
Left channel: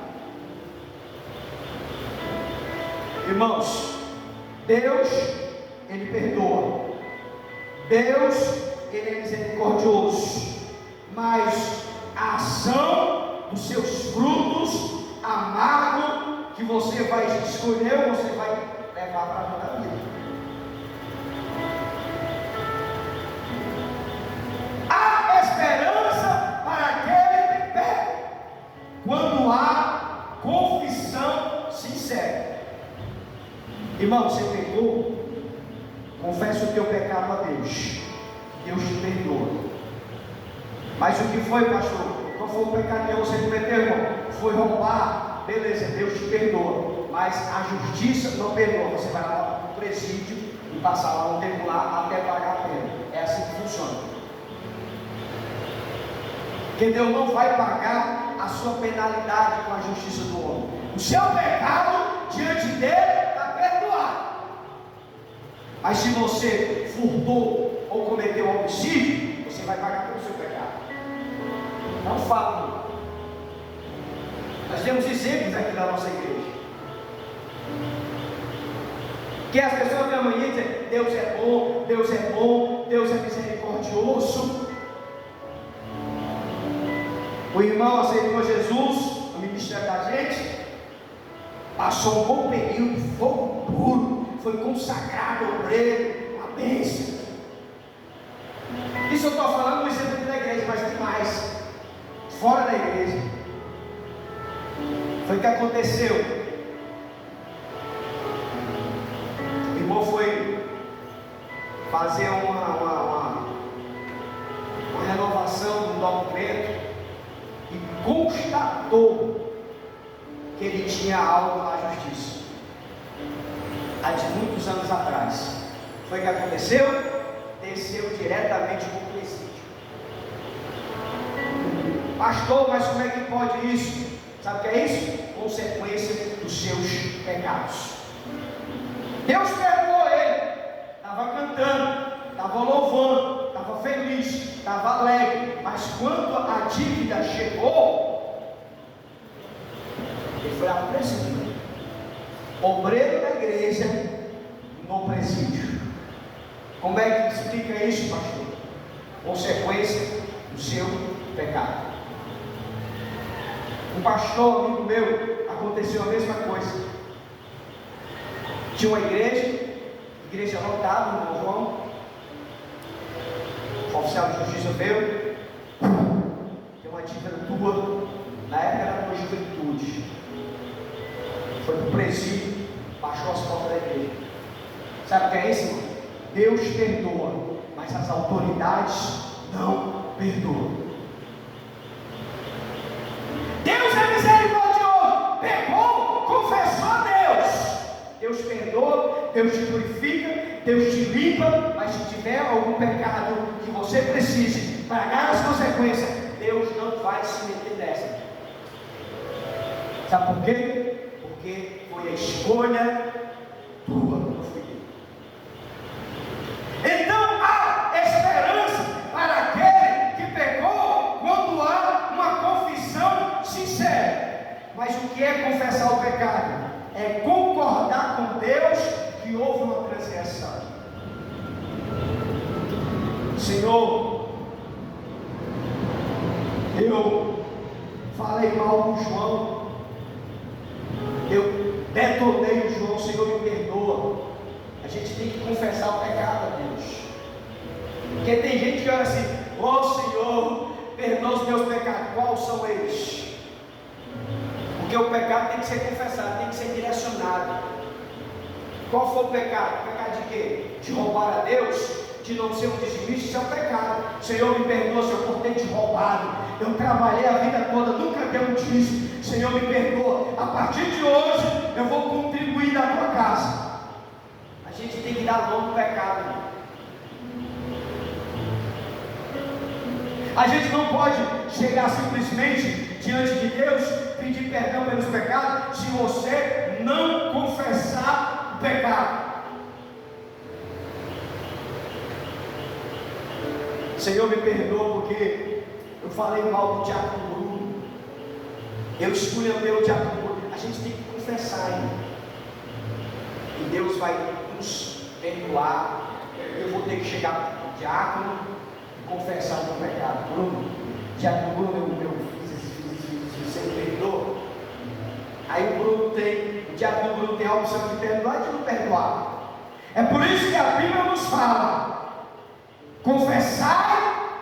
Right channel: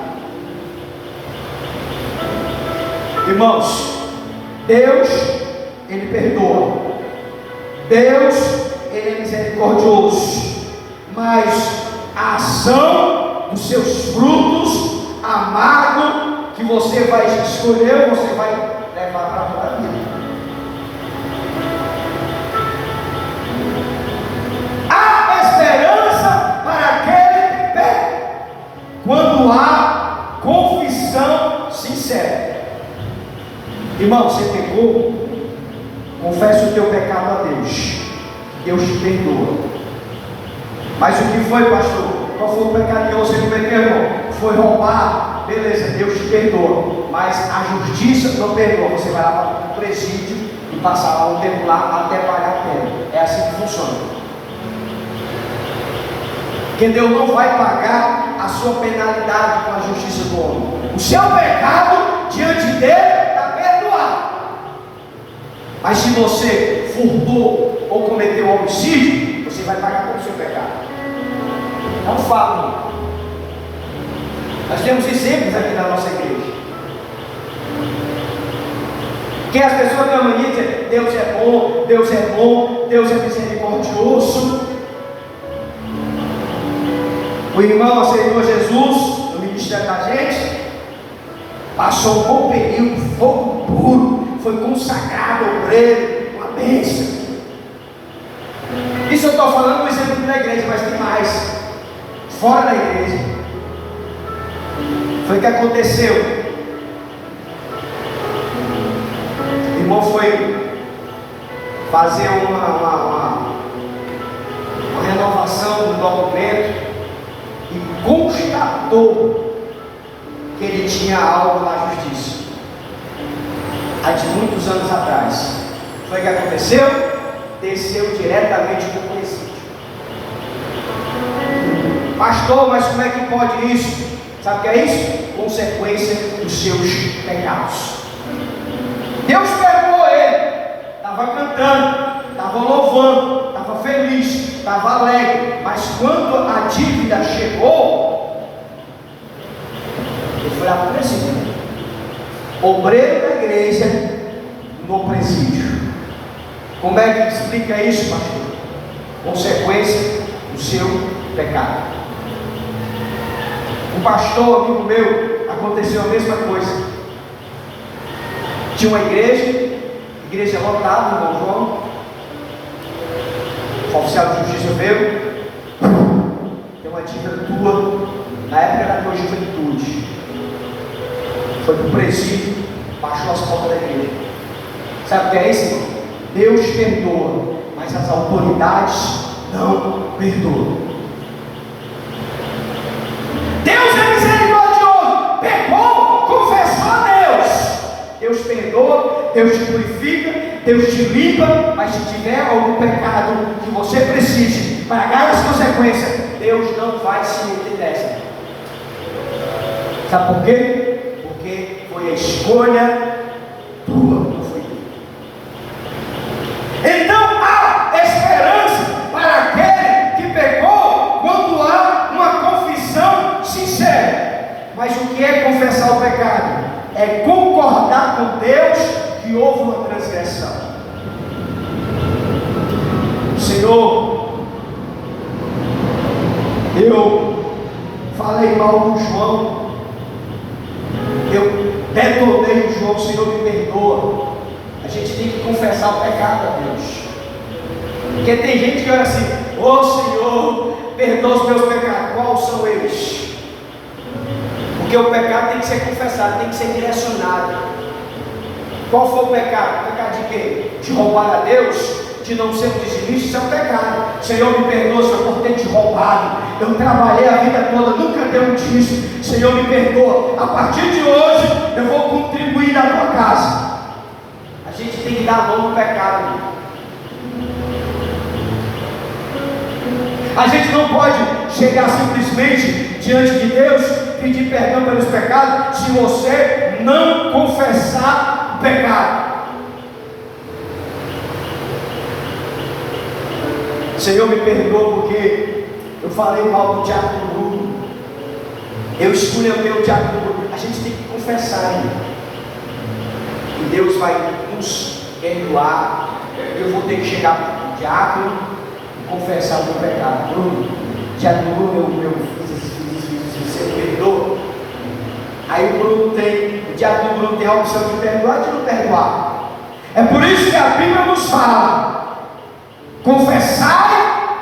Irmãos, Deus, Ele perdoa, Deus, Ele é misericordioso, mas a ação dos seus frutos amargos que você vai escolher, você vai levar para toda a vida. Há esperança para aquele que peca, quando há confissão sincera. Irmão, você pecou, confessa o teu pecado a Deus, Deus te perdoa. Mas o que foi, pastor? Qual foi o pecado que você cometeu, irmão? Foi roubar, beleza, Deus te perdoa, mas a justiça não perdoa. Você vai lá para o presídio e passar lá um tempo lá até pagar a pena. É assim que funciona. Porque Deus não vai pagar a sua penalidade com a justiça do homem. O seu pecado diante dele está perdoado. Mas se você furtou ou cometeu homicídio, você vai pagar pelo seu pecado. Não falo. Nós temos exemplos aqui na nossa igreja. Que as pessoas têm a mania de dizer: Deus é bom, Deus é bom, Deus é misericordioso. O irmão aceitou Jesus no ministério da gente, passou um bom período, fogo puro, foi consagrado, obreiro, uma bênção. Isso eu estou falando um exemplo da igreja, mas tem mais. Fora da igreja, foi o que aconteceu. O irmão foi fazer uma renovação do documento e constatou que ele tinha algo na justiça, há de muitos anos atrás. Foi o que aconteceu? Desceu diretamente do presídio. Pastor, mas como é que pode isso? Sabe o que é isso? Consequência dos seus pecados. Deus perdoou ele, estava cantando, estava louvando, estava feliz, estava alegre, mas quando a dívida chegou, ele foi lá para o presídio. Obreiro da igreja no presídio. Como é que explica isso, pastor? Consequência do seu pecado. Um pastor amigo meu, aconteceu a mesma coisa. Tinha uma igreja lotada, irmão João. O oficial de justiça veio. Tem uma dívida tua, na época da tua juventude. Foi para o presídio, baixou as portas da igreja. Sabe o que é isso, irmão? Deus perdoa, mas as autoridades não perdoam. Deus é misericordioso, pecou, confessou a Deus. Deus perdoa, Deus te purifica, Deus te limpa, mas se tiver algum pecado que você precise pagar as consequências, Deus não vai se meter nessa. Sabe por quê? Porque foi a escolha tua, não foi tua. Então há esperança para aquele que pecou quando há uma confissão sincera. Mas o que é confessar o pecado? É concordar com Deus que houve uma transgressão. Senhor, eu falei mal do João, eu detonei o João, Senhor me perdoa. A gente tem que confessar o pecado a Deus, porque tem gente que olha assim: ô Senhor, perdoa os meus pecados. Quais são eles? Porque o pecado tem que ser confessado, tem que ser direcionado. Qual foi o pecado? O pecado de quê? De roubar a Deus? De não ser um dizimista? Isso é um pecado. Senhor me perdoa se eu ter te roubado, eu trabalhei a vida toda, nunca dei um dízimo. Senhor me perdoa, a partir de hoje eu vou contribuir na tua casa. A gente tem que dar a mão no pecado. A gente não pode chegar simplesmente diante de Deus, pedir perdão pelos pecados, se você não confessar o pecado. Senhor me perdoa porque eu falei mal do diácono Bruno, eu esculhambei o diácono Bruno. A gente tem que confessar, hein? E Deus vai nos perdoar. Eu vou ter que chegar para o diácono e confessar o meu pecado. Bruno, diácono Bruno, eu fiz, você me perdoa? Aí o diácono Bruno tem a opção de perdoar e de não perdoar. É por isso que a Bíblia nos fala: confessai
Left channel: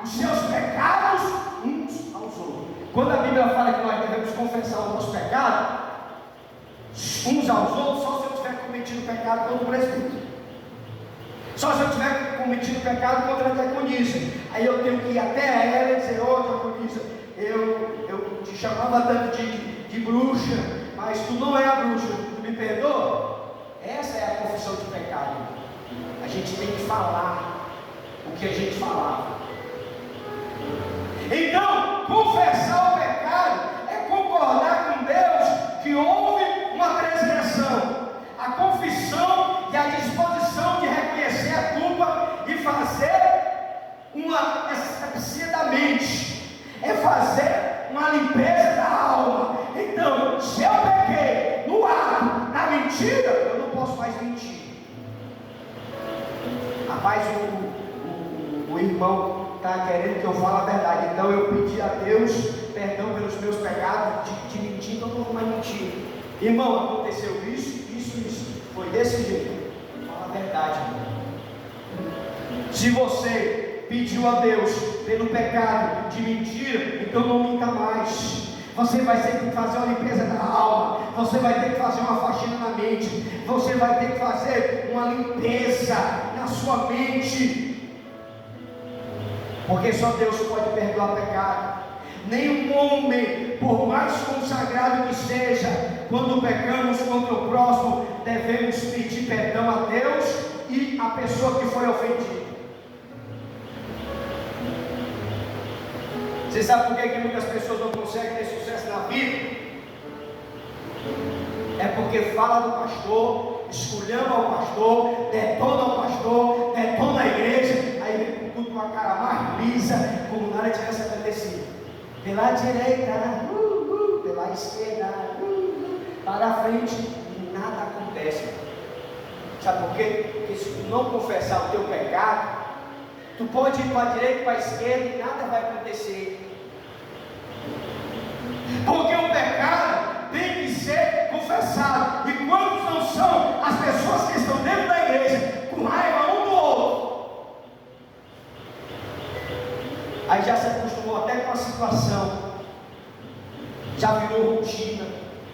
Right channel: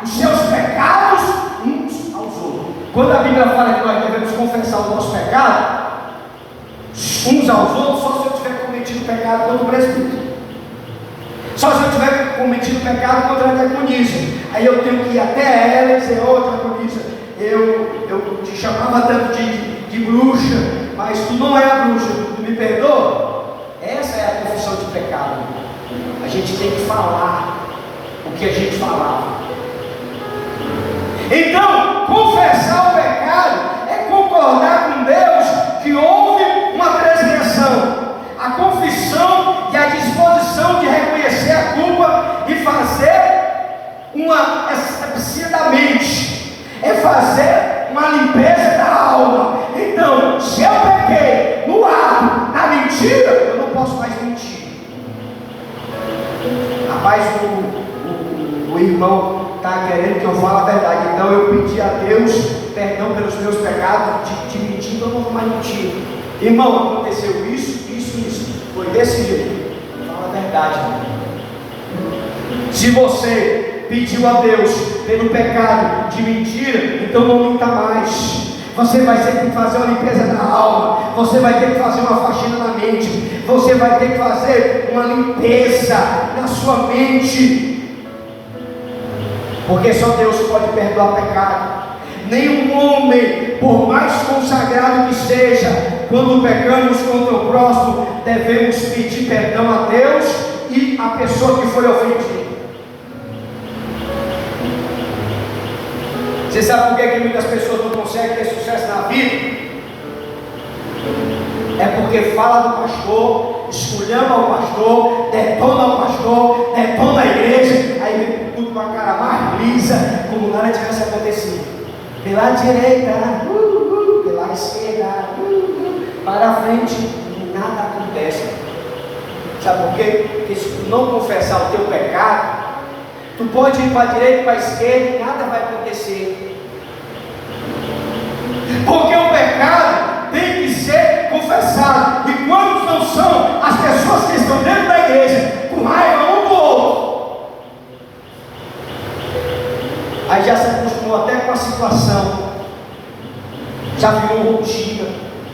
os seus pecados uns aos outros. Quando a Bíblia fala que nós devemos confessar o nosso pecado uns aos outros, só se eu tiver cometido pecado contra o presbítero, só se eu tiver cometido pecado contra a diaconisa. Aí eu tenho que ir até ela e dizer: ô diaconisa, eu te chamava tanto de bruxa, mas tu não é a bruxa, tu me perdoa? Essa é a confissão de pecado. A gente tem que falar o que a gente falava. Então, confessar o pecado é concordar com Deus que houve uma transgressão. A confissão e a disposição de reconhecer a culpa e fazer uma asepsia da mente, é fazer uma limpeza da alma. Então, se eu pequei no ato, na mentira, eu não posso mais mentir. Rapaz, o irmão está querendo que eu fale a verdade, então eu pedi a Deus perdão pelos meus pecados de mentir, então eu não vou mais mentir. Irmão, aconteceu isso, foi desse jeito. Fala a verdade, irmão. Se você pediu a Deus pelo pecado de mentira, então não minta mais. Você vai ter que fazer uma limpeza na alma, você vai ter que fazer uma faxina na mente, você vai ter que fazer uma limpeza na sua mente, porque só Deus pode perdoar pecado. Nenhum homem, por mais consagrado que seja, quando pecamos contra o próximo, devemos pedir perdão a Deus e a pessoa que foi ofendida. Você sabe por que muitas pessoas não conseguem ter sucesso na vida? É porque fala do pastor, esculhamba o pastor, detona o pastor, detona a igreja, aí vem tudo com a cara mais lisa, como nada tivesse acontecido. Pela direita, pela esquerda, para frente, nada acontece. Sabe por quê? Porque se tu não confessar o teu pecado, tu pode ir para a direita, para a esquerda e nada vai acontecer. Porque o pecado tem que ser confessado. E quantos não são as pessoas que estão dentro da igreja com raiva um do outro? Aí já se acostumou até com a situação, já virou rotina,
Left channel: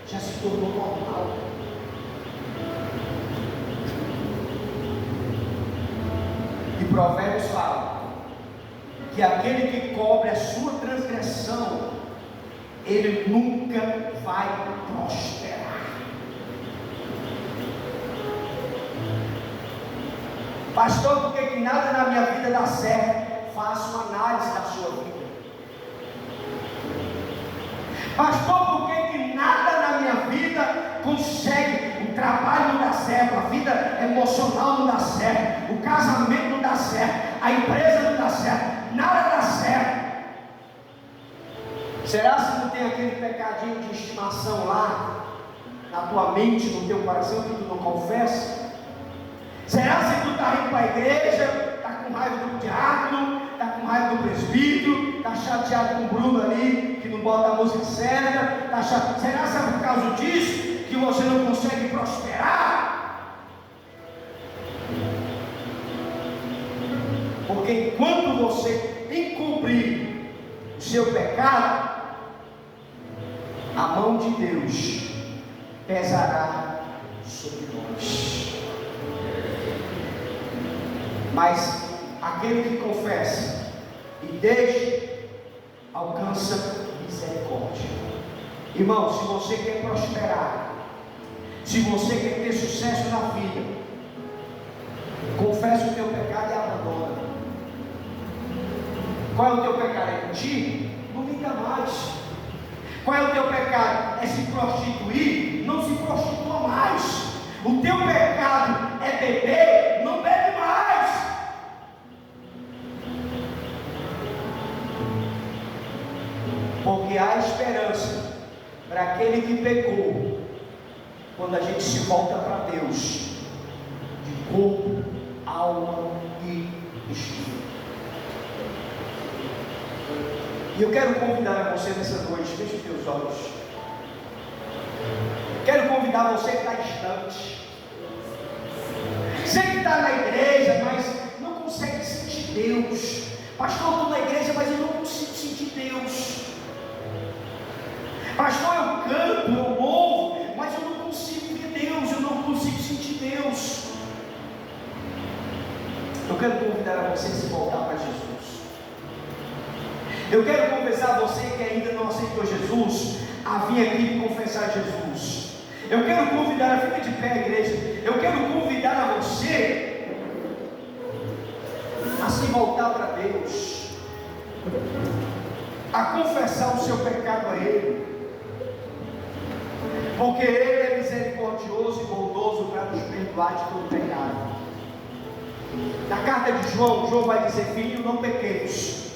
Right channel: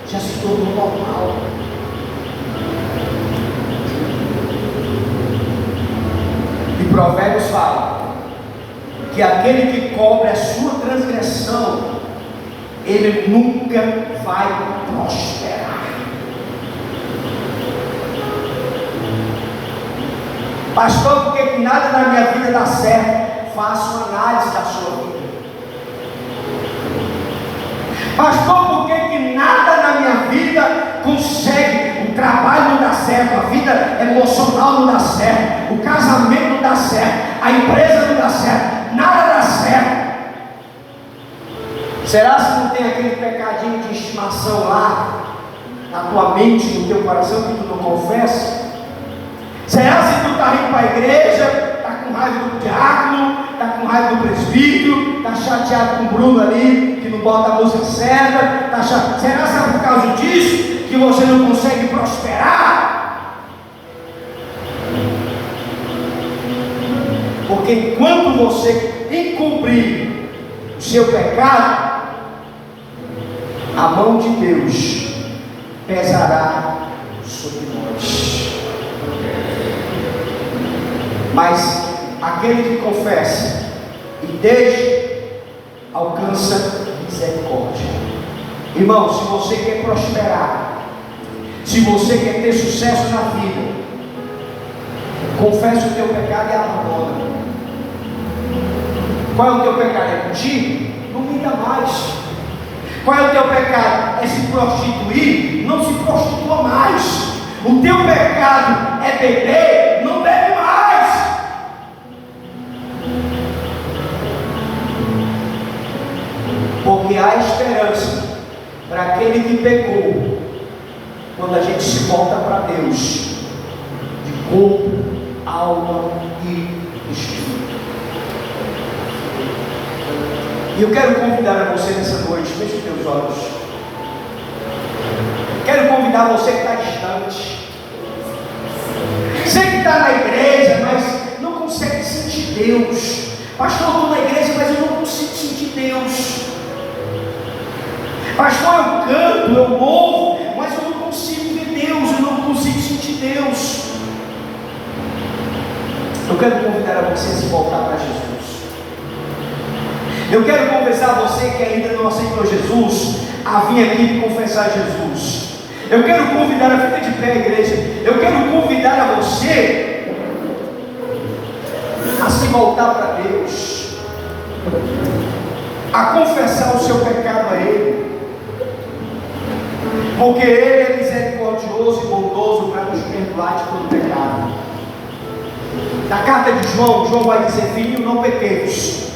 já se tornou normal. E Provérbios fala que aquele que cobre a sua transgressão, ele nunca vai prosperar. Pastor, por que nada na minha vida dá certo? Faça uma análise da sua vida. Pastor, por que nada na minha vida consegue? O trabalho não dá certo, a vida emocional não dá certo, o casamento não dá certo, a empresa não dá certo, nada dá certo. Será que não tem aquele pecadinho de estimação lá na tua mente, no teu coração, que tu não confessa? Será que tu está indo para a igreja, está com raiva do diácono, está com raiva do presbítero, está chateado com o Bruno ali, que não bota a música certa, tá chateado? Será que é por causa disso que você não consegue prosperar? Porque enquanto você encobrir o seu pecado, a mão de Deus pesará sobre nós. Mas aquele que confessa e deixa, alcança misericórdia. Irmão, se você quer prosperar, se você quer ter sucesso na vida, confesse o teu pecado e abandona. Qual é o teu pecado? É mentir? Não minta mais. Qual é o teu pecado? É se prostituir? Não se prostitua mais. O teu pecado é beber? Não bebe mais. Porque há esperança para aquele que pecou, quando a gente se volta para Deus, de corpo, alma e espírito. E eu quero convidar a você nessa noite, feche os teus olhos. Quero convidar você que está distante. Você que está na igreja, mas não consegue sentir Deus. Pastor, eu estou na igreja, mas eu não consigo sentir Deus. Pastor, eu canto, eu louvo, mas eu não consigo ver Deus, eu não consigo sentir Deus. Eu quero convidar a você a se voltar para Jesus. Eu quero conversar a você que ainda não aceitou Jesus, a vir aqui confessar Jesus. Eu quero convidar a ficar de pé, igreja. Eu quero convidar a você a se voltar para Deus, a confessar o seu pecado a Ele, porque Ele é misericordioso e bondoso para nos perdoar de todo pecado. Na carta de João, João vai dizer: filho, não pequeis.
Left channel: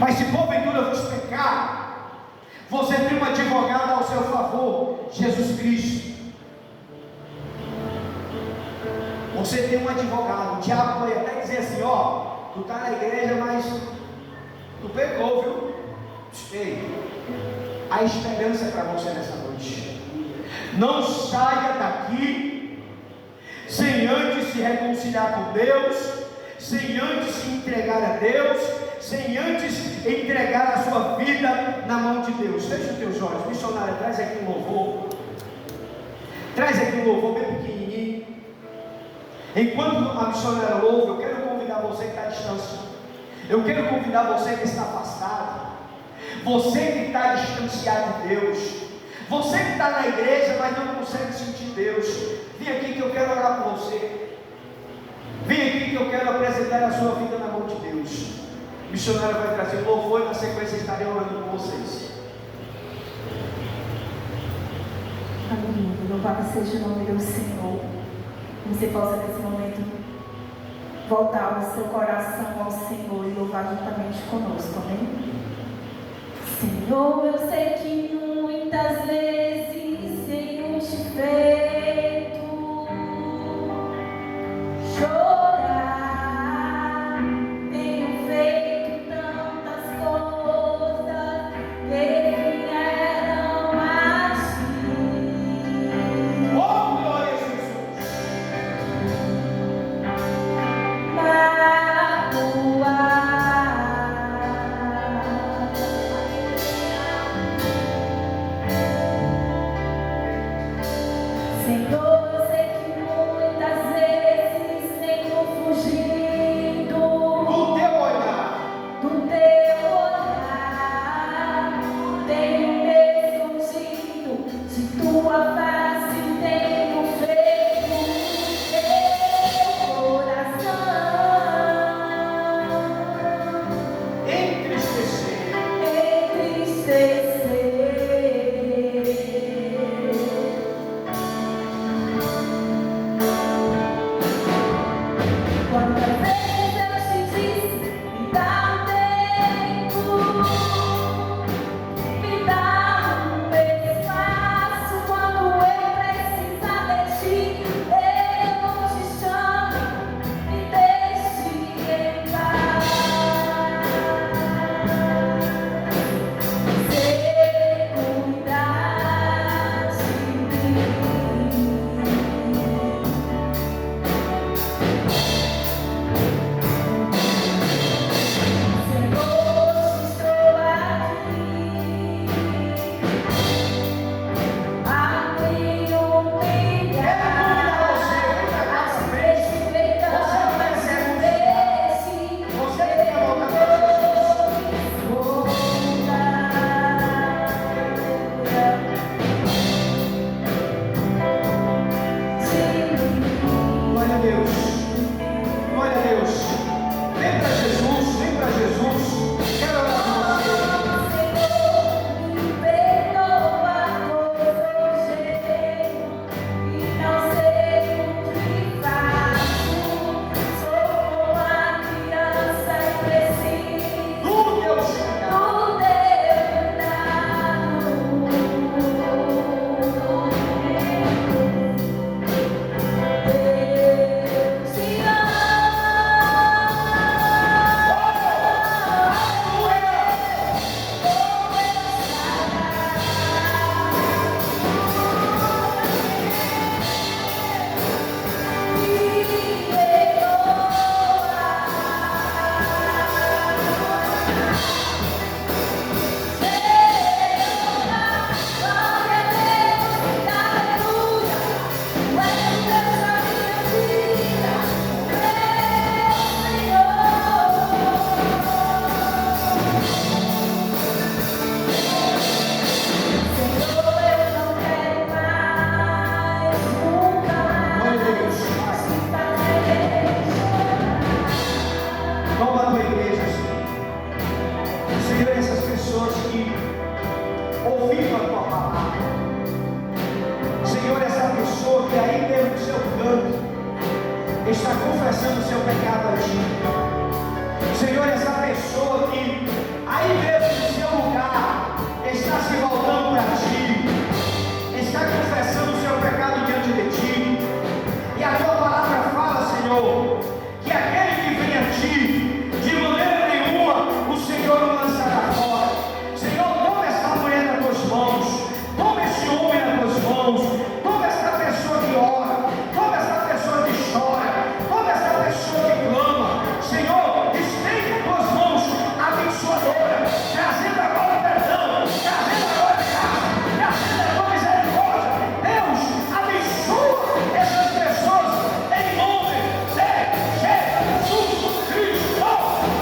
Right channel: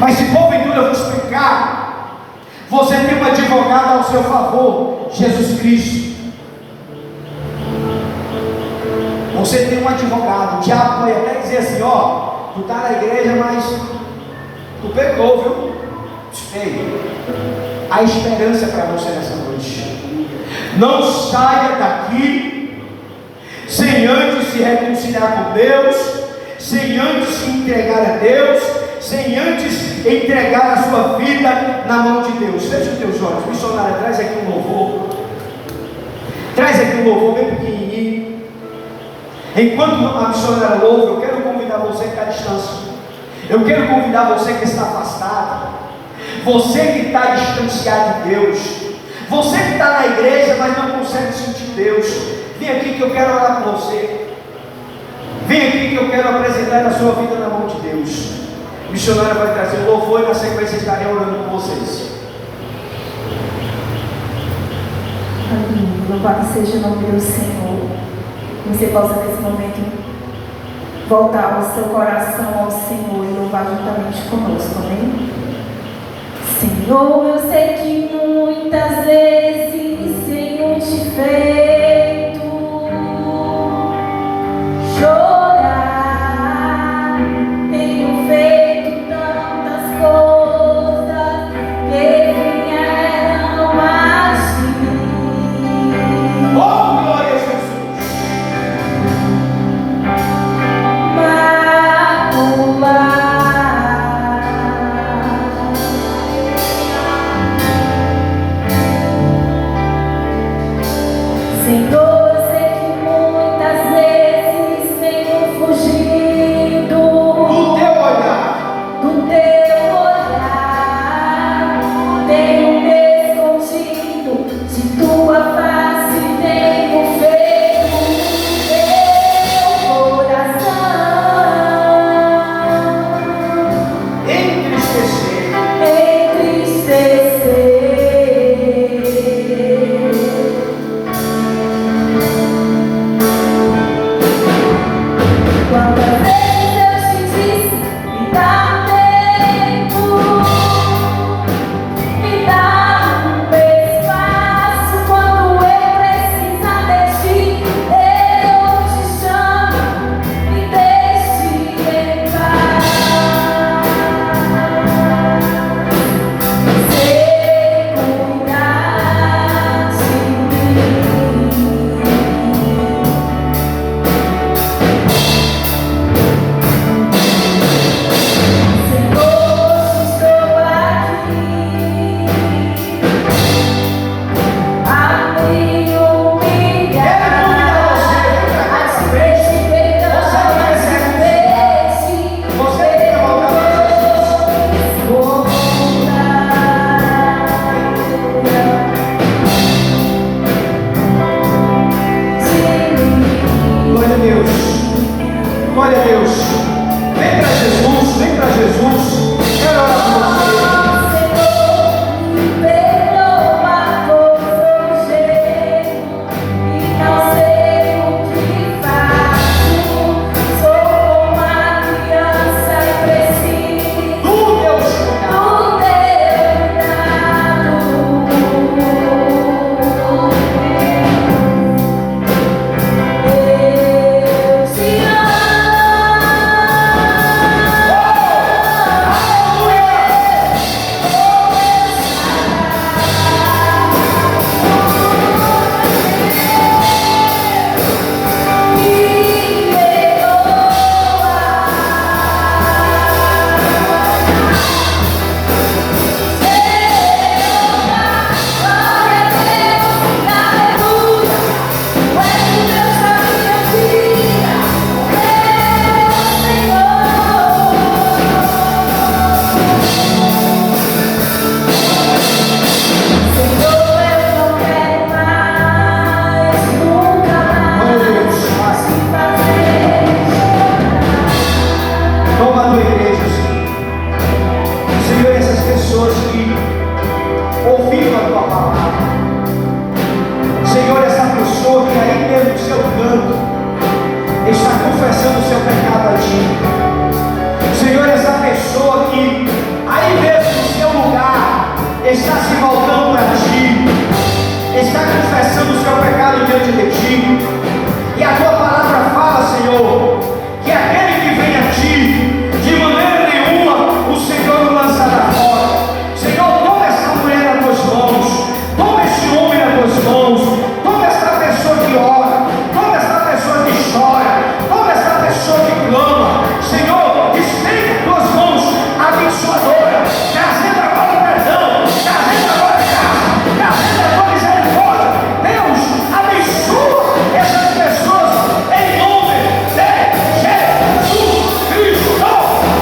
Mas se porventura vos pecar, você tem um advogado ao seu favor, Jesus Cristo. Você tem um advogado. O diabo pode até dizer assim: ó, tu está na igreja, mas tu pecou, viu? Feio. Há esperança para você nessa noite. Não saia daqui sem antes se reconciliar com Deus, sem antes se entregar a Deus, sem antes entregar a sua vida na mão de Deus. Feche os teus olhos. Missionário, traz aqui um louvor. Traz aqui um louvor bem pequenininho. Enquanto a missionária louva, eu quero convidar você que está à distância. Eu quero convidar você que está afastado. Você que está distanciado de Deus. Você que está na igreja, mas não consegue sentir Deus. Vem aqui que eu quero orar por você. Vem aqui que eu quero apresentar a sua vida na mão de Deus. O missionário vai trazer o louvor e na sequência estarei orando por vocês. Amém. Louvado seja o nome do Senhor. Que você possa nesse momento voltar o seu coração ao Senhor e louvar juntamente conosco. Amém? Senhor, eu sei que muitas vezes tenho te feito chorar, tenho feito tantas coisas que vieram assim. Oh, glória a Jesus! Glória a Deus. Vem para Jesus, vem para Jesus. Quero orar por você. Está confessando o seu pecado a ti. Senhor, essa pessoa que aí mesmo no seu lugar está se voltando para ti, está confessando o seu pecado diante de ti, e a tua palavra fala, Senhor, que aquele que vem a ti, de maneira nenhuma o Senhor o lançará fora. Senhor, toma essa mulher nas tuas mãos, toma esse homem nas tuas mãos, toma essa pessoa que ora, toma essa pessoa que chora, toma essa pessoa que clama. Senhor, estende as tuas mãos abençoadoras, trazendo agora perdão, trazendo agora graça, trazendo agora misericórdia. Deus, abençoa essas pessoas em nome de Jesus Cristo. Aleluia!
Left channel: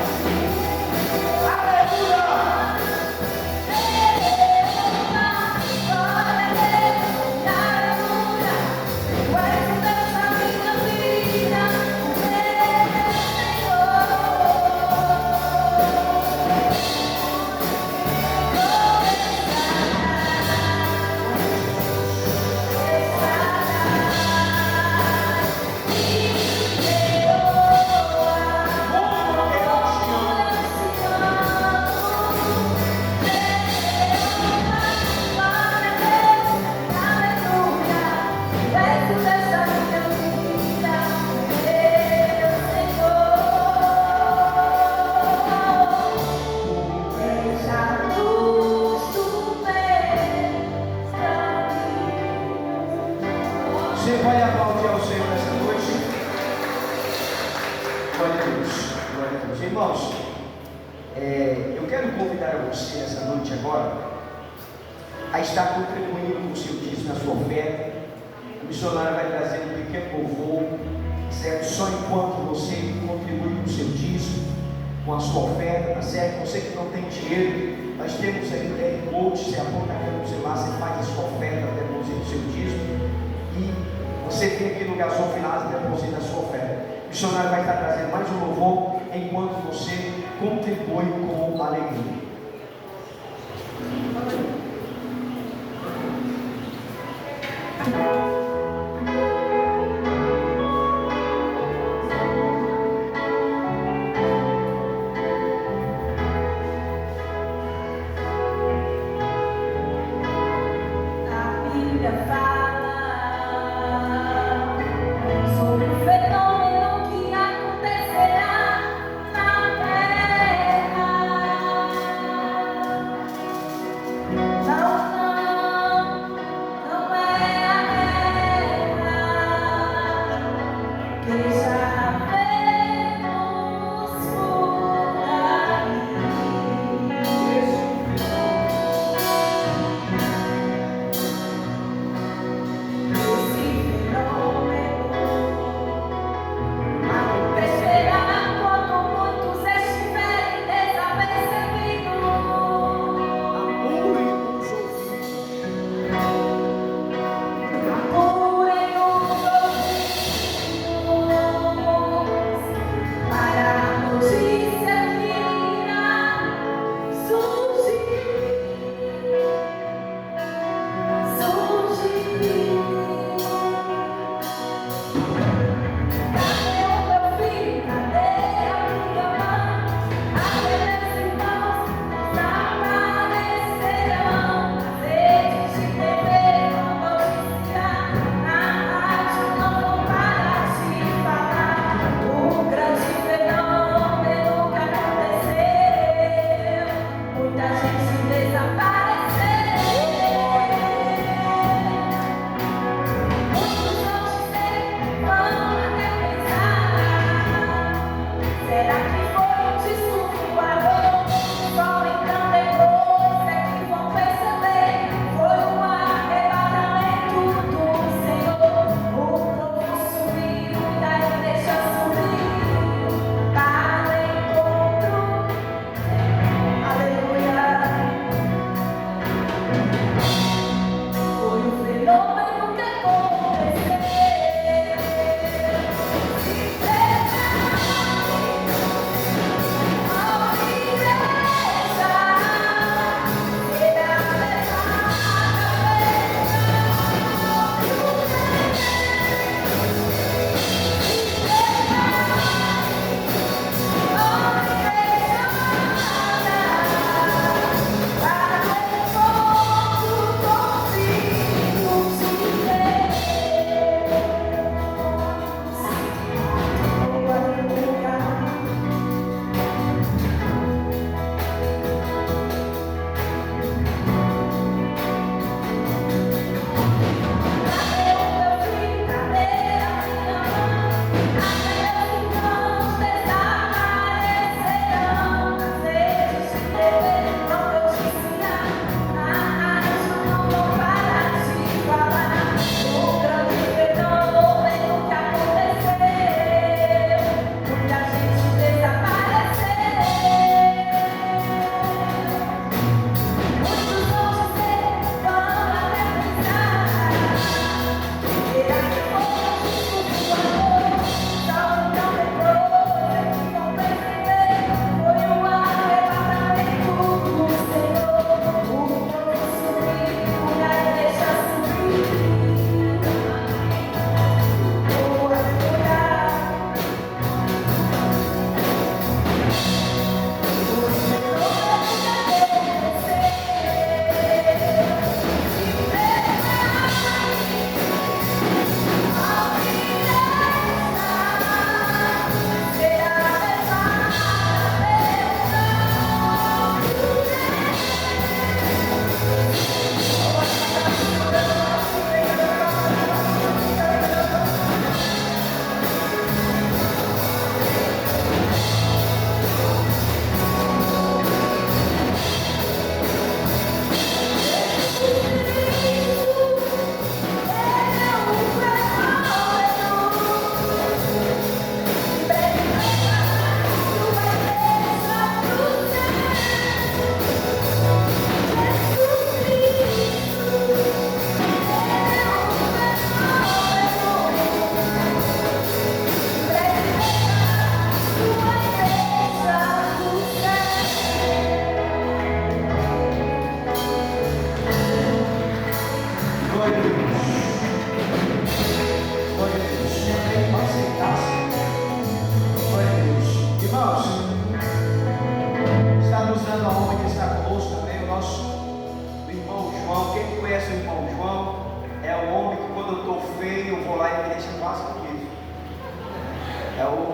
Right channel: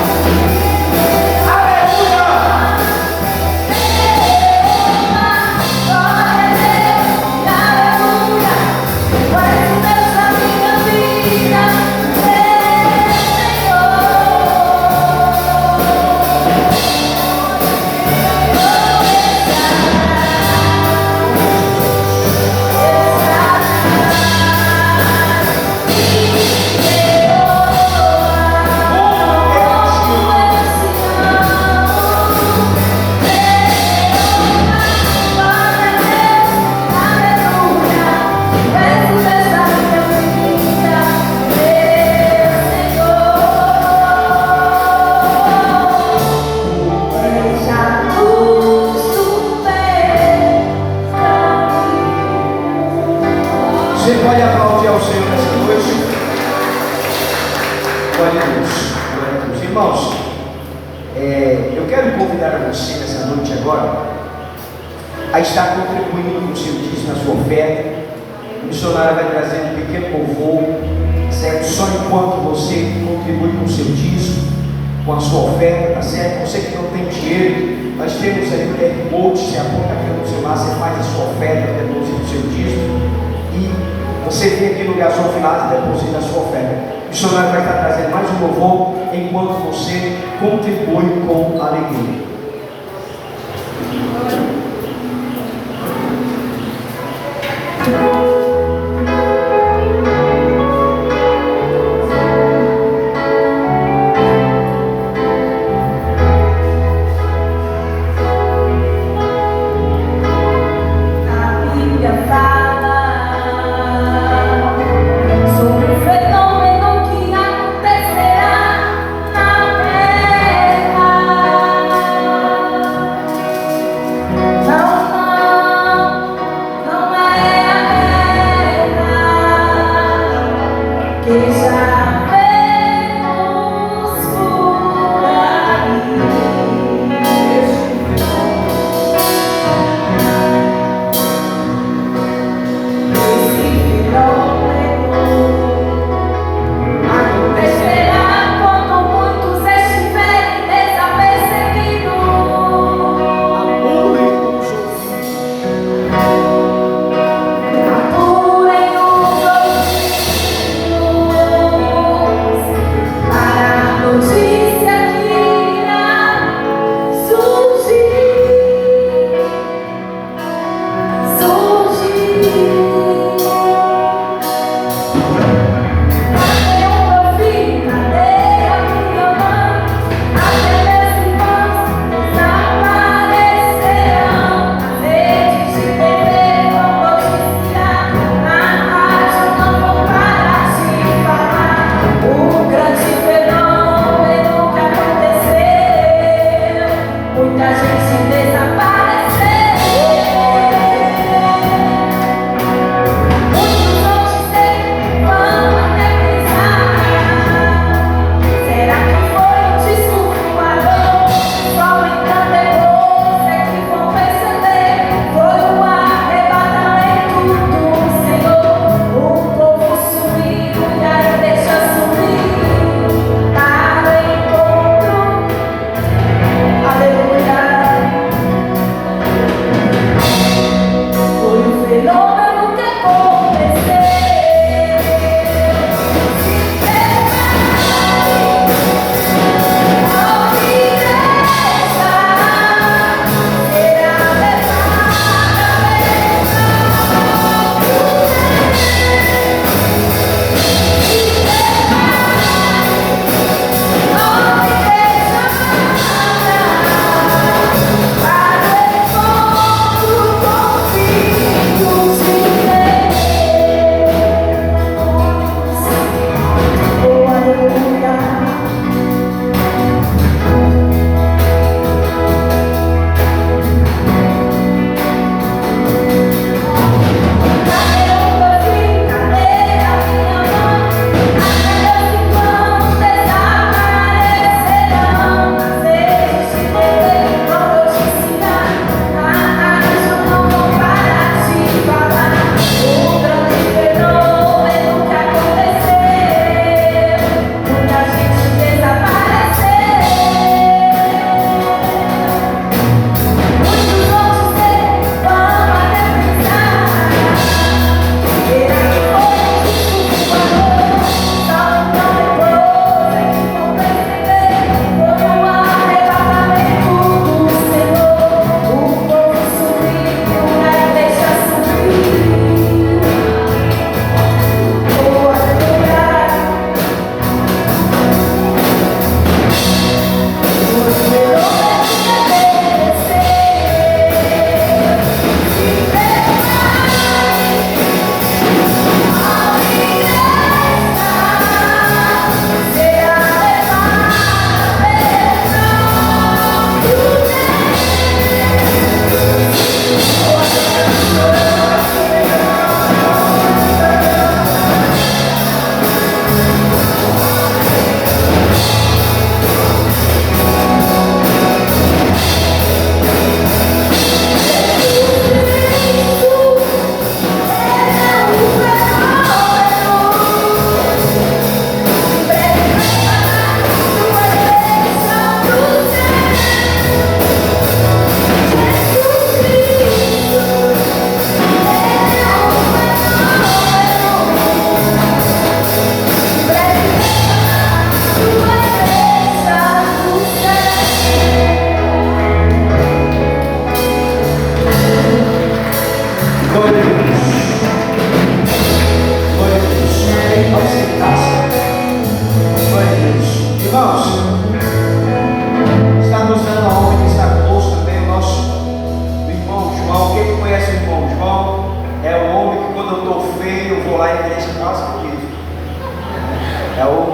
Você pode aplaudir ao Senhor nessa noite. Glória a Deus. Glória a Deus. Irmãos, eu quero convidar você nessa noite agora a estar contribuindo com o seu dízimo, na sua oferta. O missionário vai trazer um pequeno louvor, certo? Só enquanto você contribui com o seu dízimo, com a sua oferta, tá certo? Você que não tem dinheiro, nós temos aí o QR Code, você aponta aqui no celular, você faz a sua oferta, deposita o seu dízimo. E você vem aqui no garçom final e deposita a sua oferta. O missionário vai estar trazendo mais um louvor enquanto você contribui com alegria. Acontecerá na terra.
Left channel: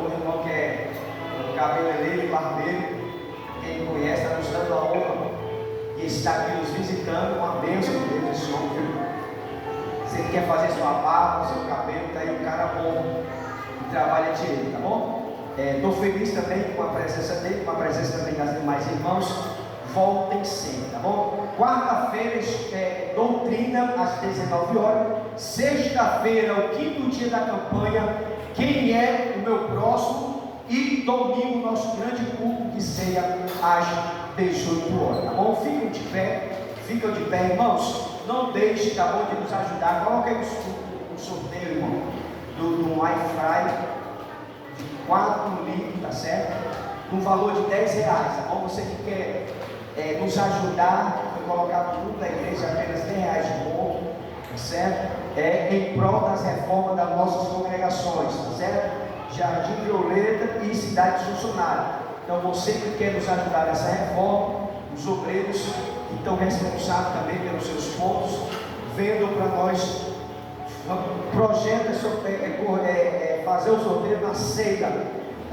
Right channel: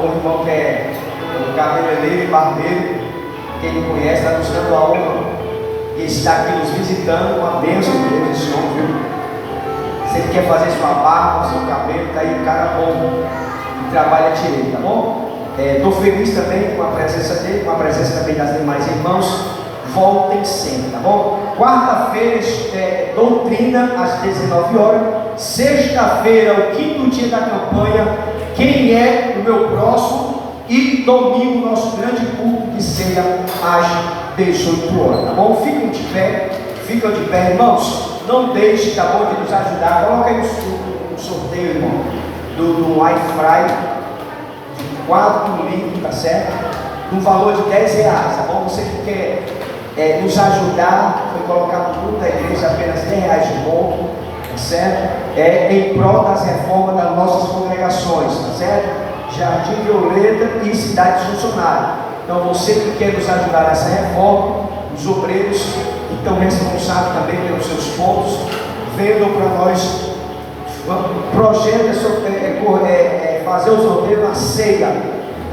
o irmão que é o cabeleireiro e barbeiro, quem não conhece, está nos dando a honra e está aqui nos visitando, uma bênção de Deus, esse homem, viu? Se ele quer fazer sua barba, seu cabelo, está aí, cara bom, e trabalha direito, tá bom? Estou feliz também com a presença dele, com a presença também das demais irmãos. Voltem sempre, tá bom? Quarta-feira, doutrina às 19 horas. Sexta-feira, o quinto dia da campanha, quem é o meu próximo? E domingo, nosso grande culto de ceia às 18 horas, tá bom? Ficam de pé, irmãos. Não deixe, tá bom, de nos ajudar. Coloca aí no sorteio, irmão, do iFry, de 4 litros, tá certo? No valor de R$10, tá bom? Você que quer nos ajudar, foi colocado no grupo da igreja apenas R$10 de bom, tá certo? Em prol das reformas das nossas congregações, tá certo? Jardim Violeta e Cidade Funcionária. Então você que quer nos ajudar nessa reforma, os obreiros que estão responsáveis também pelos seus pontos, vendam para nós. O projeto é fazer os obreiros na ceia,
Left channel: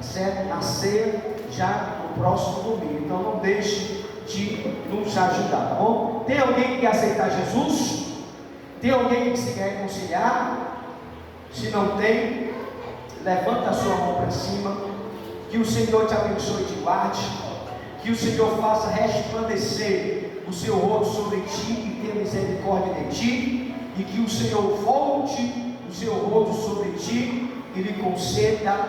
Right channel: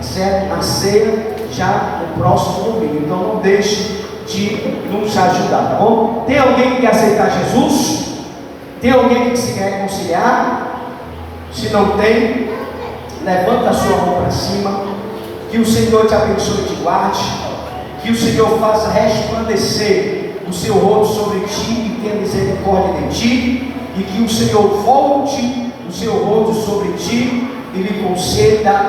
certo? Na ceia já no próximo domingo. Então não deixe de nos ajudar, tá bom? Tem alguém que quer aceitar Jesus? Tem alguém que se quer reconciliar? Se não tem, levanta a sua mão para cima. Que o Senhor te abençoe e te guarde. Que o Senhor faça resplandecer o seu rosto sobre ti e tenha misericórdia de ti. E que o Senhor volte o seu rosto sobre ti e lhe conceda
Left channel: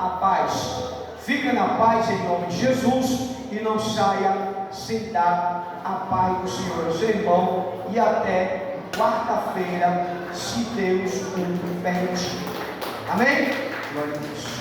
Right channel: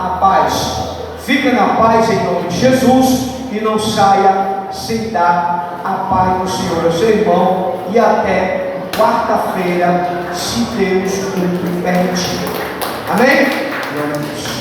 a paz. Fica na paz em nome de Jesus e não saia sem dar a paz do Senhor ao seu irmão. E até quarta-feira, se Deus o permitir. Amém? Glória a Deus.